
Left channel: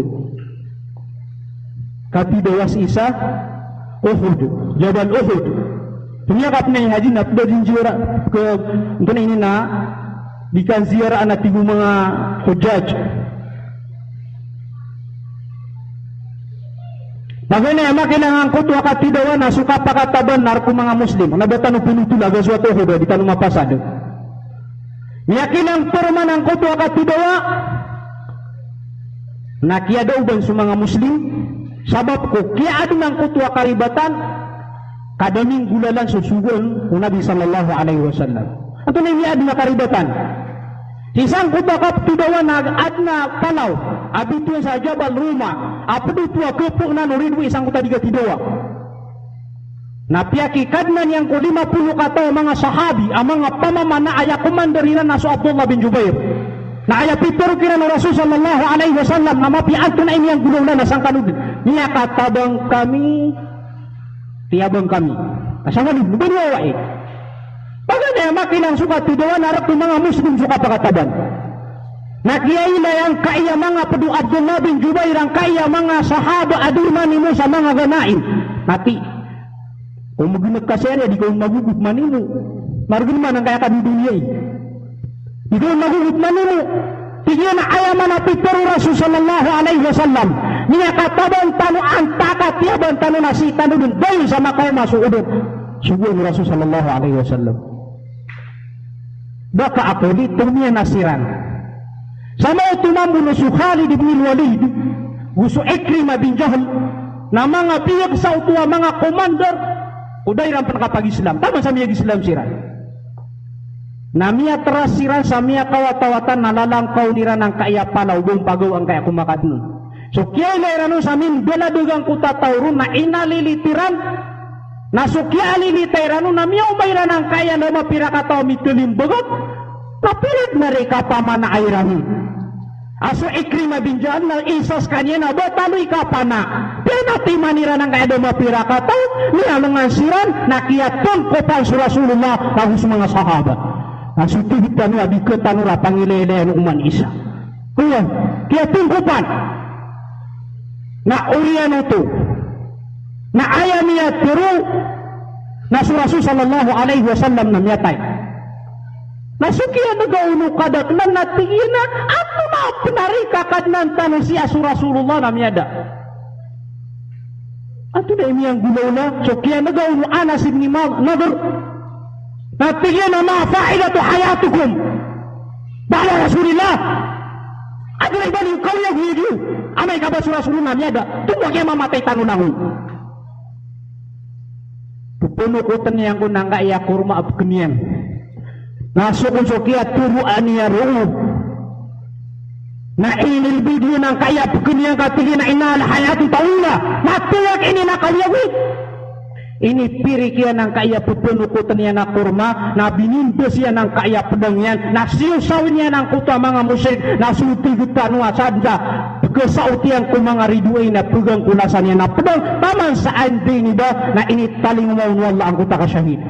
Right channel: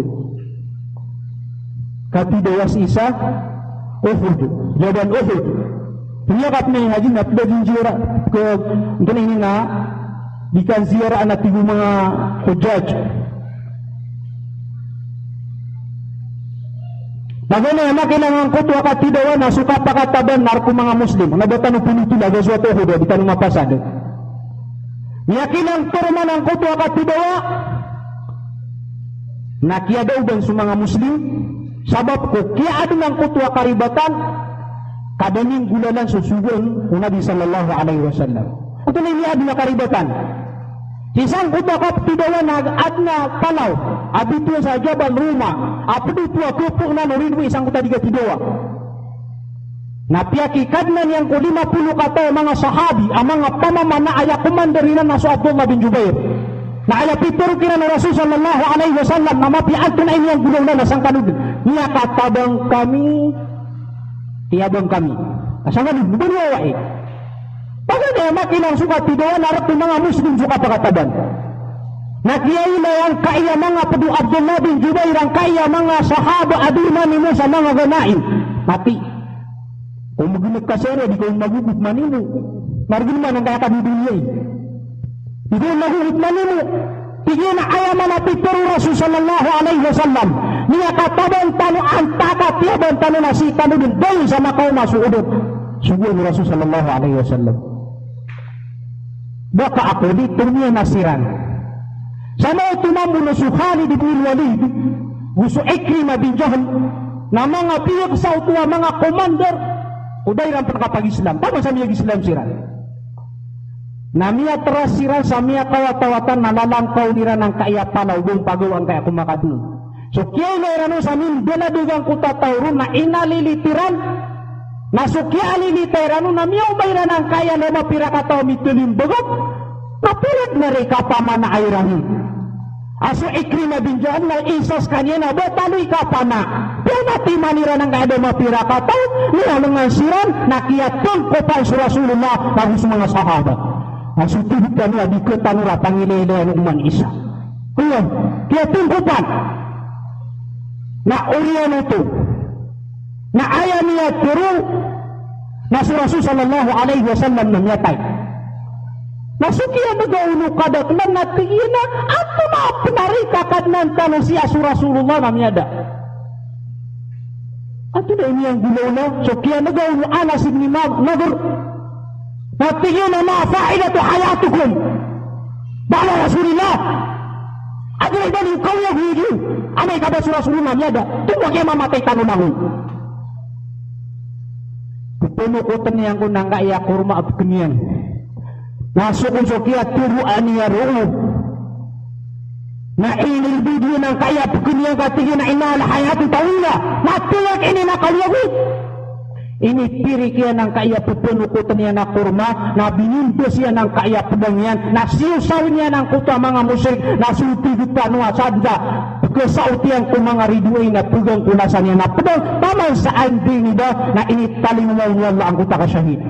Katidak was isa Uhud. Jabal Uhud. Penyakap na yung haji na pwedeng ziarah ke untuk ini na dikan ziarah anak ibu mga hujaj. Magana yung makinangan ko tuwa katidawa na suka pakataban narko mga Muslim. Nabatan ng pinutula sa suatu Uhud di tanong mapasado. Yakinang permanan ko tuwa katidawa na kia daw dan sa mga Muslim sabab ko kia adinang ko tuwa karibatan kadaming gulalan susugon ng Nabi sallallahu alaihi wasallam. Ito na niya adina karibatan. Isang ko tuwa katidawa na adna kalaw abito sa Jabal Ruma apdi tuwa kupok na nurinwi isang ko katidawa. Napiakikad na niyang ko 50 kata mga sahabi ang mga pamamana aya kumandarinan na so Abdullah bin Jubair na aya pitero kira na Rasul sallallahu alaihi wasallam na mapian ko na iniyang gulong na nasang kanudin niya katabang kami tiyabang kami asang kanudin ba niya wae pagka na makinang suka tidawan harap ng mga Muslim suka pakatabang nakiyay na yung kaya mga padu Abdullah bin Jubair ang kaya mga sahaba adina nimo sa mga ganain napi kung magiging di ko magugut manino. Marugin man ang kaya ka di dunia. Di ko magugut manino. Tigyan na ayaman na pitero Rasul sallallahu alaihi wasallam. Niya katabang tano ang takatiyabang tano na si tano din dahil sa makaw masuudot. Sugul ni Rasul sallallahu alaihi wasallam. Baka ako dito niya nasiran. Sana ito namun na si Khalid ibn Walid. Gusto Ikrimah bin Jahl na mga piyag sa utuwa mga komandor uday ram pagkapag-Islam. Tama sa miya Islam sira. Namiya teras sira sa miya kawat-tawatan nalalangkaw nira ng kaiyapan o buong pagawang kaya kumakadun. So kaya ilarano sa min beladugang kutatawron na inalilitiran na so kaya alilitayrano na miya ubayran ang kaya na mapira kataw mitulim bagot kapirat na reka paman na ayrano. Aso Ikrimah bin Jahl na isas kanya na betaloy kapana. Pero matimanira ng kaya mapira kataw nilalungan siran nakiyatong kopal sa Rasulullah bago sa mga sahaba. Nasutubit ka niya di ketanura pangilele ng uman isa. Kaya kiyatong kopal na uriyan ito na ayaw niya tiro na si Rasul sallallahu alaihi wasallam na miyatay. Nasukiya na gauno kadat na natingin na ato na pinarikakad ng tanong siya si Rasulullah na miyada. Ato na iniyang gulaw na sukiya na gauno Anas ibn Nadr natingin na mafa'ilatu hayatukum ba'la Rasulillah. Ato na ibang ikaw yung hiyyo amay ka ba si Rasulullah miyada tungkol kaya mamatay tanong na hul. Pupuno ko taniyang ko nang kaya kurma at kaniyang masuk usukia turu aniya ru'u na inil video ng kaya pagkini ang katigin na inal hayati taula na tuwag ini na kaliyagit Ini pirik yan ang kaya pupunukutan niya na kurma, na binindos yan ang kaya pedang yan, na siusawin yan ang kuta mga musik, na sulutigutan wa sadya, kesautian ko mga riduay na pugang kunasan yan na pedang, taman sa anting iba, na initaling mo wala ang kuta kasyahid.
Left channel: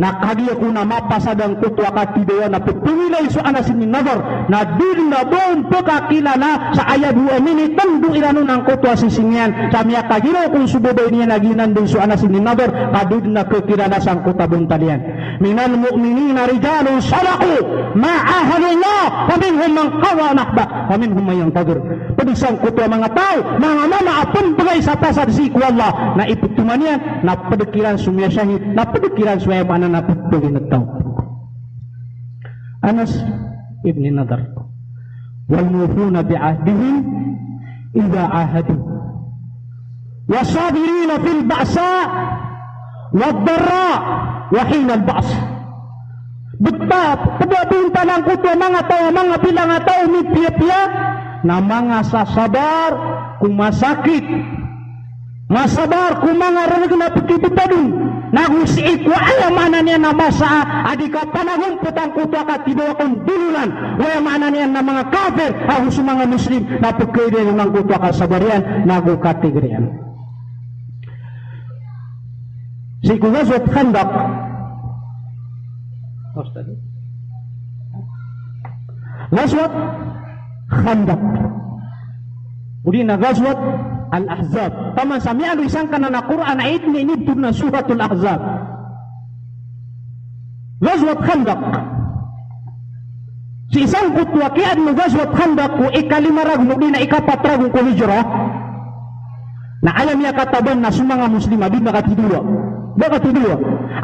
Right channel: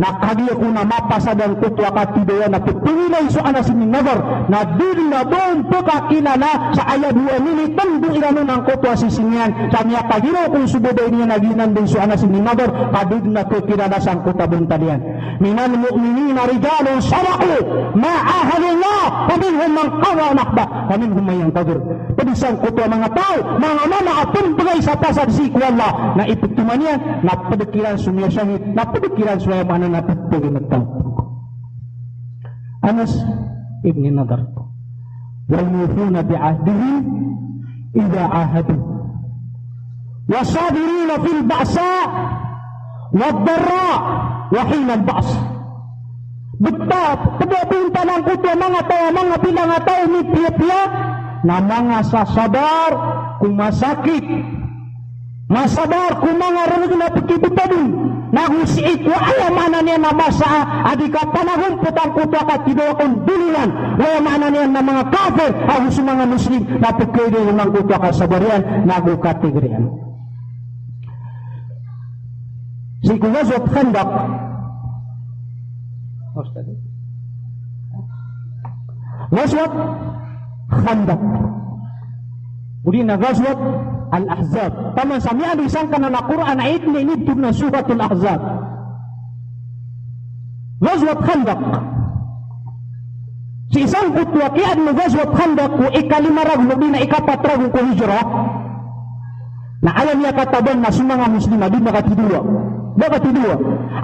Na kadiyo ko na mapasadang kutwa katidoa na pupingilay so anas ni nagar na din na doon po kakilala sa ayab ni amini tando iranon ang kutwa sisinyan sa miya kagino kung suboday niya naginan din so anas ni nagar padud na po kilala sa kutwa buntalian minal mu'minina rijalun salaku ma'ahalullah paminhum mang kawa anakba paminhum mayang tagar padisang kutwa mga tao mga mama at pumpagay sa pasad si kuwala na ipagtuman niya na padakiran sumya syahid na padakiran sumya na napagpagin at tao. Anas ibn Nadar wal-mufuna bi'ahdihim idha ahadu wasabirina fil ba'sa wad-darra wa hina al-ba's betap pedapinta ng kutwa mga bilang tao ni pia-pia na mga sasabar kung masakit masabar kung mga rin na pagkibitadun na husiik wa ayamana niya na masa adika panahon putang kutwa ka tibawa kong dulunan ayamana niya na mga kafir ang mga muslim na pagkibitadun ng kutwa ka sabarian na agro-kategorian si Ghazwat Khandaq Ghazwat Khandaq uli na Ghazwat Al-Ahzab. Taman sa miyan isang kanan na Quran na inibtub na surat Al-Ahzab. Ghazwat Khandaq. Si isang kutwa kian mo Ghazwat Khandaq ko ikalimarag mo din na ikapatrag ko hijrah. Na alam niya kataban na sumanga muslima di makatidua. Makatidua.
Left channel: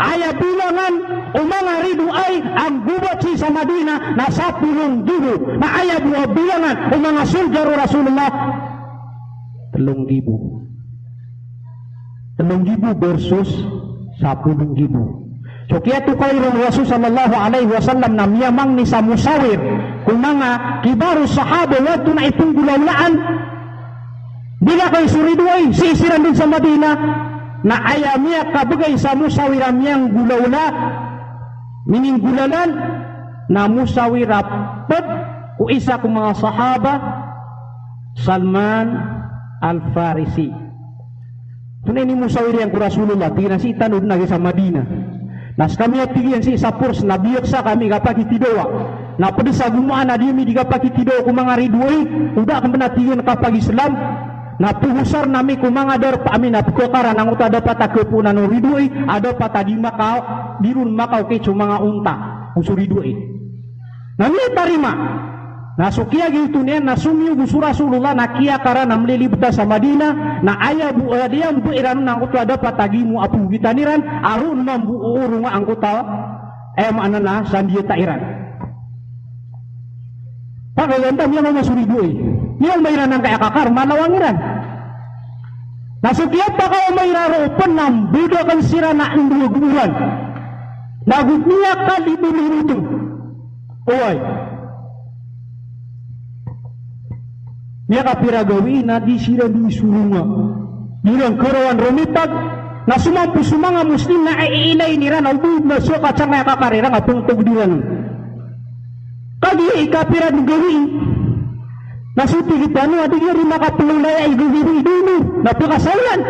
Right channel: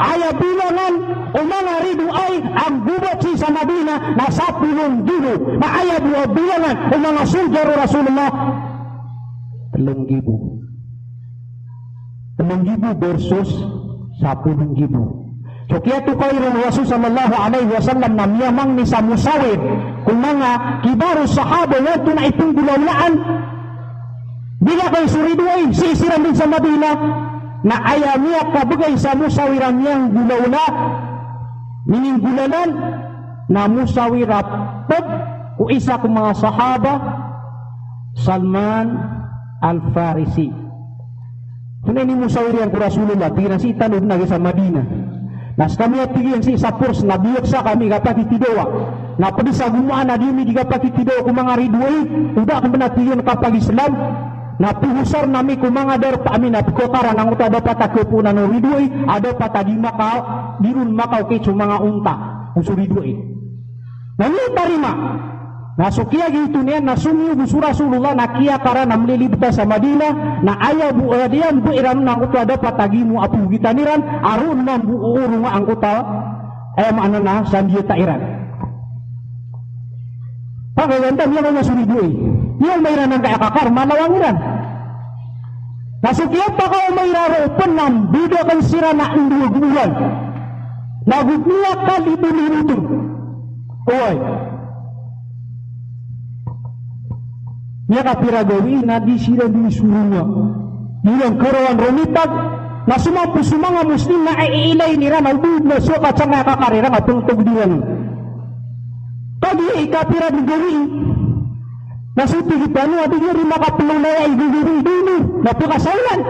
Aya bilangan o mga ridu ay ang gubat si sa Madina na 10,000. Na aya bilangan o mga soldier Rasulullah 3,000 versus 10,000. So kaya tukayron Rasul sallallahu alaihi wasallam na miyamang ni sa musawir kung mga kibaru sahaba wato na itong gulaulaan bila kay suriduay sisiran din sa Madina na ayaw niya kabagay sa musawiran niyang gulaw na mining gulalan na musawirap pag kung isa kong mga sahaba Salman Al-Farisi. Tunay ni musawirian ko Rasulullah, pinasitan na sa Madina. Nas kami at tigyan si sa pors, nabiyok sa kami kapakitidoa. Na pwede sa gumaan na di kapakitidoa kung mga ridway, uda kang panatiyon kapag Islam. Na puhusar nami kung mga darpa amin na putokaran ang uta dapat akupunan ng ridway, ada patagi Macau, di rin Macau kecho mga unta, ang suridway. Nani tarima. Nasukia gitu niya nasumiyo gusto Rasulullah na kiya kara na mlilibta sa Madina na aya bu dian bu iran na kuto ada patagi mo apu gitaniran arun mambuuru nga ang kuto mana na sandiyo ta iran. Pagawenta niya na suridoy. Niya mayran ng kaya kakar manawangiran. Nasukia pa kayo mayraro penam bido kan sira na induluguran. Nagutniya kalibu-libu. Oy. Niya kapiragawi na di sila disuruh nga. Nilang karawan rumitag na sumampu sumanga muslim na iilay nira na ubud na soka sa mga kakarira nga pungtog diwan. Kadi ikapira gawi na suti kita no adi rin makapulong na iguguri dulu na pakasalan.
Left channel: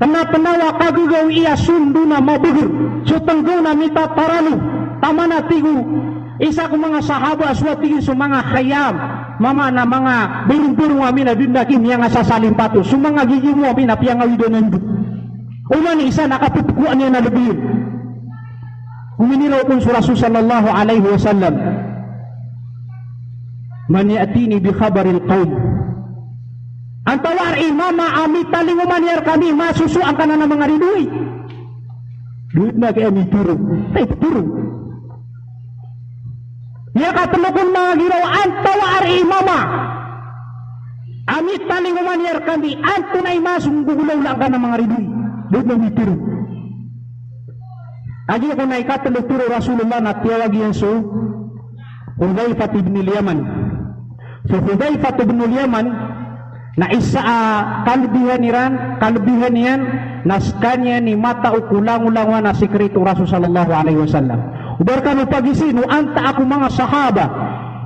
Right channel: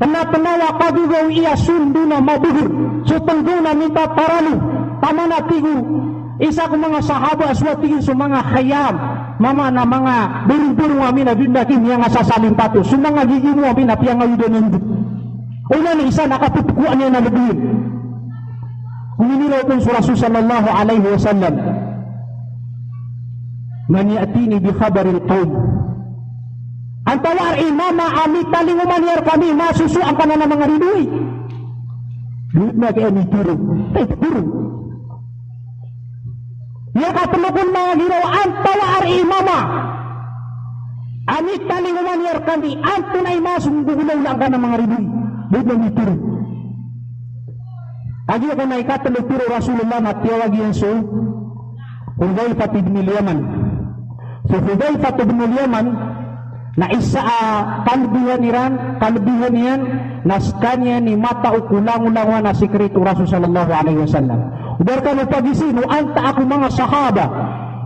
Tanawa kagugawi iya sundu na mabugur so tanggo na mita taralo tama na tigur. Isa ko mga sahaba aswatigin sa mga khayam, mga biring-biring amin na dindakin niya nga sasaling pato. Sa mga giging mo amin na piyang ngayon doon. Una ni isa nakatutukuan niya na lubir. Huminilaw kong sa Rasul sallallahu alaihi wasallam. Man ya'tini bi khabaril qawm. Ang tawar mama amin talinguman yar kami masusuan ka na ng mga rinuy. Duit na kaya amin turun. Turun. Ya katulukun mga ginawaan tawar mama amit talinguman yar kami anto na imasong gugulaw lang ka ng mga rinuy. Duit na amin turun. Agi ako na ikatuluturo Rasulullah na tiyawag yan so Hudzaifah bin Yaman. So Hudzaifah bin Yaman Na isa kalebihan yan naskanya ni mata ukulang-ulangan na sikreto Rasul sallallahu alaihi wasallam. Udar kami pagisino anta ako mga sahaba.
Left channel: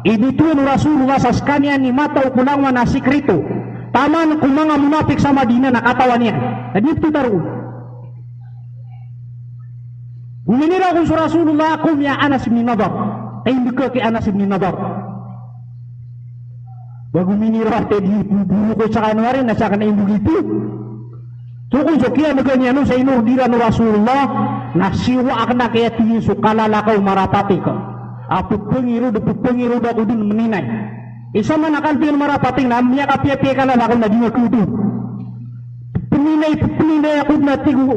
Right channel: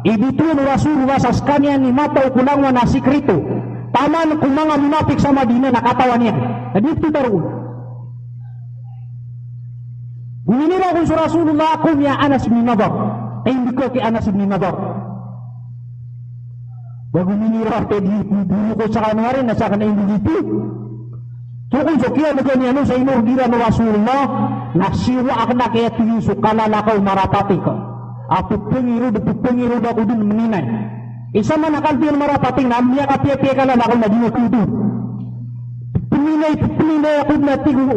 Idito ni Rasulullah sa skanya ni mata ukulang na sikreto. Taman kung mga munafik sa Madina nakatawan niya. Hadito daro. Guminira ko sa Rasulullah ako niya Anas bin Nadar. Ay hindi ko kay Anas bin Nadar. Bago minira di bulo ko sa kanwarin nasa kana yung begitu. So kung sukya magani sa inurdira ni Rasulullah nasiwa akna kaya tiyo so kalalakaw marapati ko. Apo pengiru da udin meninay. Isa man akan marapati na niya kapya-pya kalalakaw na dino tudo. Peninay ako na tigo.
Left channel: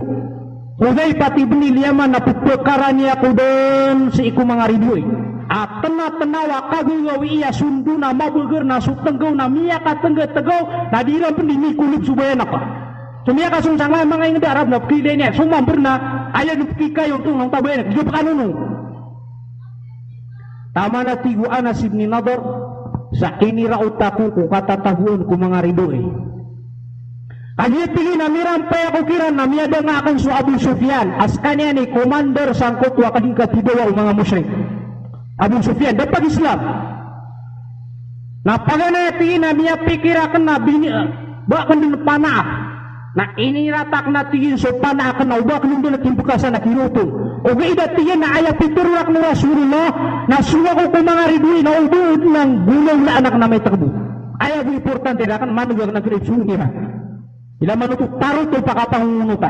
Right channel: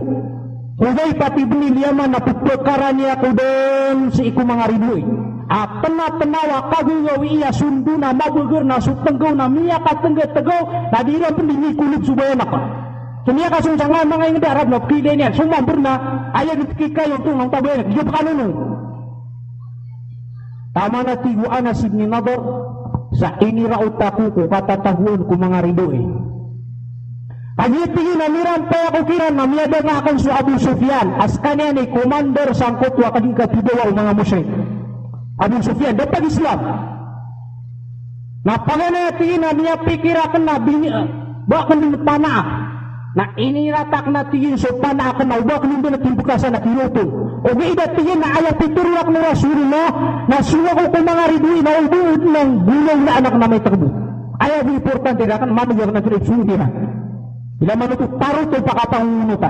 Kudai pati bini liyaman na pagpakaran niya ko doon sa iku mga ridoy. At tena-tenawa kagungawi iya sundu na mabugur na sutenggaw na miya katenggaw-tegaw na dirang pun dinikulip subayanak. Sumia kasungsangan mga yung darab na pili niya. Sumambur na ayaw nitika yung tungang tabayanak. Dia pakanunong. Tama na tiguan na Ibn Nadar sa inirautaku ko katataguan ko mga ridoy. Agit tingin na mirang paya kukiran na miyada nga akan su Abu Sufyan as kanya ni commander sangkot wakading katidawa mga musyrik. Abu Sufyan dapat Islam. Na pagana tingin na niya pikirakan na bakan din panah. Na iniratak na tingin so panah na bakan din nakimbukasan na kinuto. O gaida tingin na ayaw piturwak ng Rasulullah na suwa ko kung mga ridwi na ubuod ng gulong na anak na may takbo. Ayaw importante na kan manugag na kinutsuni ha. Bila menutup taruh tu pakapangunutan.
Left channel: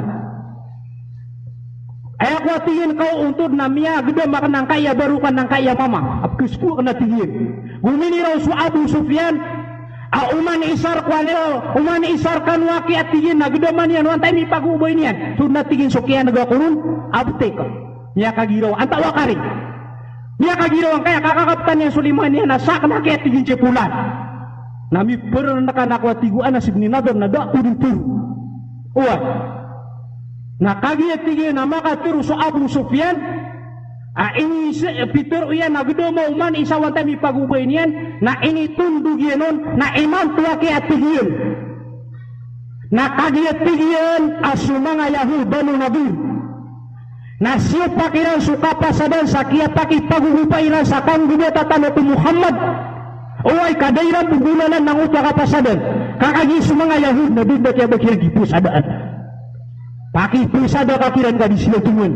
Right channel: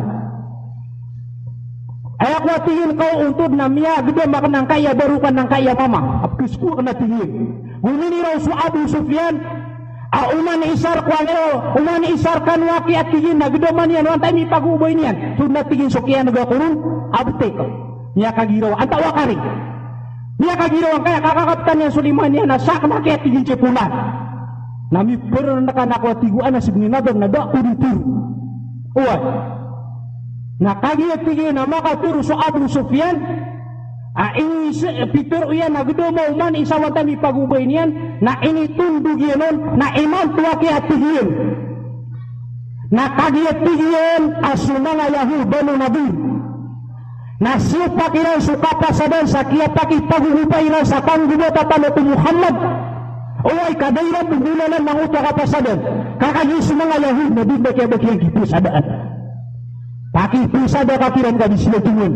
Ayak na tingin kau untuk namia gede makan nang kaya baru kan nang kaya mama. Apkisku kena tingin. Gumini Rasul Abu Sufyan. Uman isar kuanero, uman isar kan waki tingin na gede manian wantai ni pagu boy nian. Sudah tingin sokian naga kurun abte. Nia kagiro anta wakari. Nia kagiro kaya kakakaptan yang Sulaiman ni nasak na kaya tingin cepulan. Nami pernah nak tiguan na Ibn Nadar na da kuritur. Uwal. Na kaya tingin na makaturo sa Abu Sufyan. Ini Peter uyan na gudoma uman isawan tayo pagubay niyan. Na ini tundug yan na iman tuwa kaya tingin. Na kaya tingin asli mga Yahuda ng Nabi. Na siya pakiran sukapasadan sa kaya pakipagubay lang sa kanggubatan ito Muhammad. Oy kadairan penggunanan ng utak kapasadan. Kakagi sa mga Yahud na din na kaya bakiran kipusadaan. Pakipusada kakiran ka di sila tungun.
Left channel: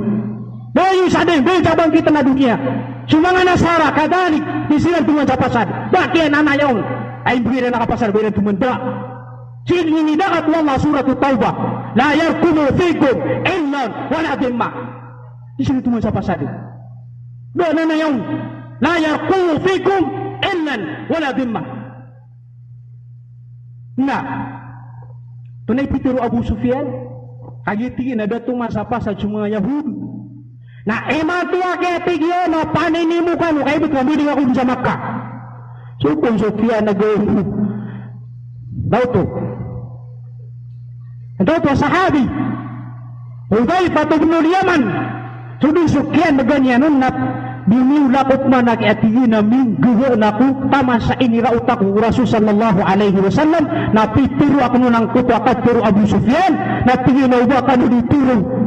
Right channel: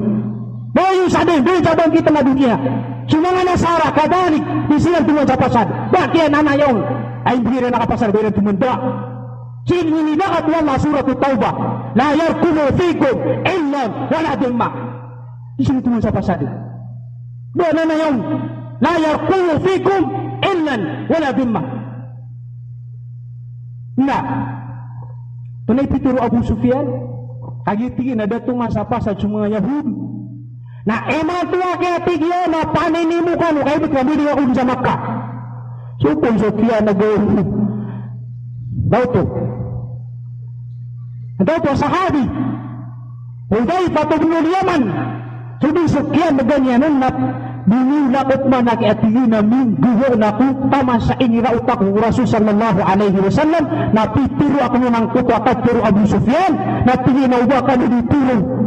Bayu sadin, bayu cabang kita na dunia. Sumanga Nasara, kadalik, di sila tungun sa pasad. Bakian anak yaon. Ay bigyan na kapasad, bigyan tungun doa. Sini ini dakat wala surat Taubah. La yarkumu fikum illa wala dhimma. Di sila tungun sa pasad. Doa na yaon. La yarkumu fikum illan wala dhimma. Nah, tunay pituro Abu Sufyan, kagitingin na datong sa pasad sa mga Yahudi. Na tuwa kaya tigyo na paninimu ka no, kaya bitmabili ako sa Makkah. So kung Sufyan nag-uwi, daw to sahabi, Hudayfa ibn al-Yaman, suding Sufyan na ganyan na binilakot man na kaya tingin na mingguho na ko taman sa inirautak ng Rasul sallallahu alaihi wasallam na pituro ako ng kutwakat puro Abu Sufyan na tingin na uba ka na dituro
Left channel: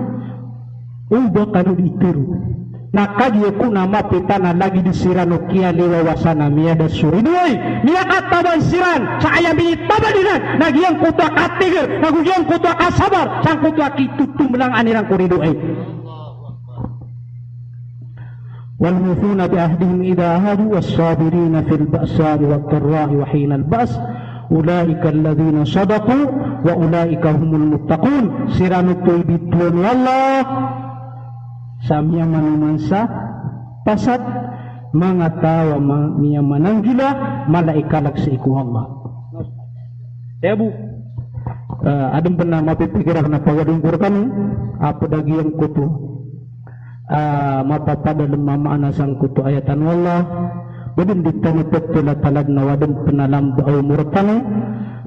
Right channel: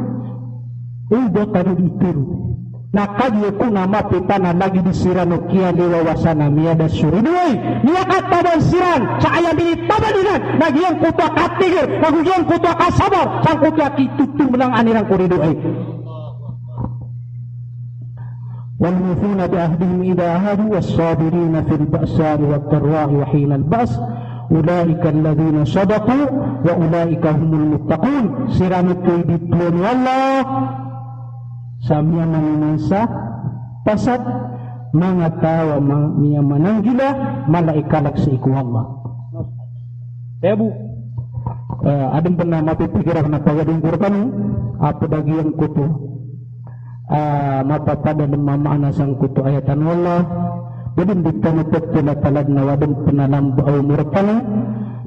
na kagyo ko na mapita na lagi disiran o kia liwawasan na miya da suridoy niya katabang siran sa ayam itabalingan nagyang kutwa katigir nagyang kutwa kasabar sang kutwa kitutum lang anirang kuridoy. والموفون بعهدهم إذا عاهدوا والصابرين في البأساء والضراء وحين البأس أولئك الذين صدقوا وأولئك هم المتقون. Siramit ko ibigtuan Allah sa miya manumansa pasat mga tawa miya mananggila malaikalak sa iku Allah. Kaya bu, adang pernah mapipikirah na pawadong kurkan apa dagi yang kutu mapapada lemama anasang kutu ayatan Allah Jadi ditani petila talad na wadon penalam ba'ay murakani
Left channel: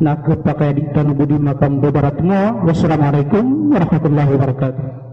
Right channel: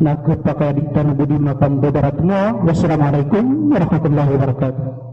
na kapakay ditani budi makam babarat mo. Wassalamualaikum warahmatullahi wabarakatuh.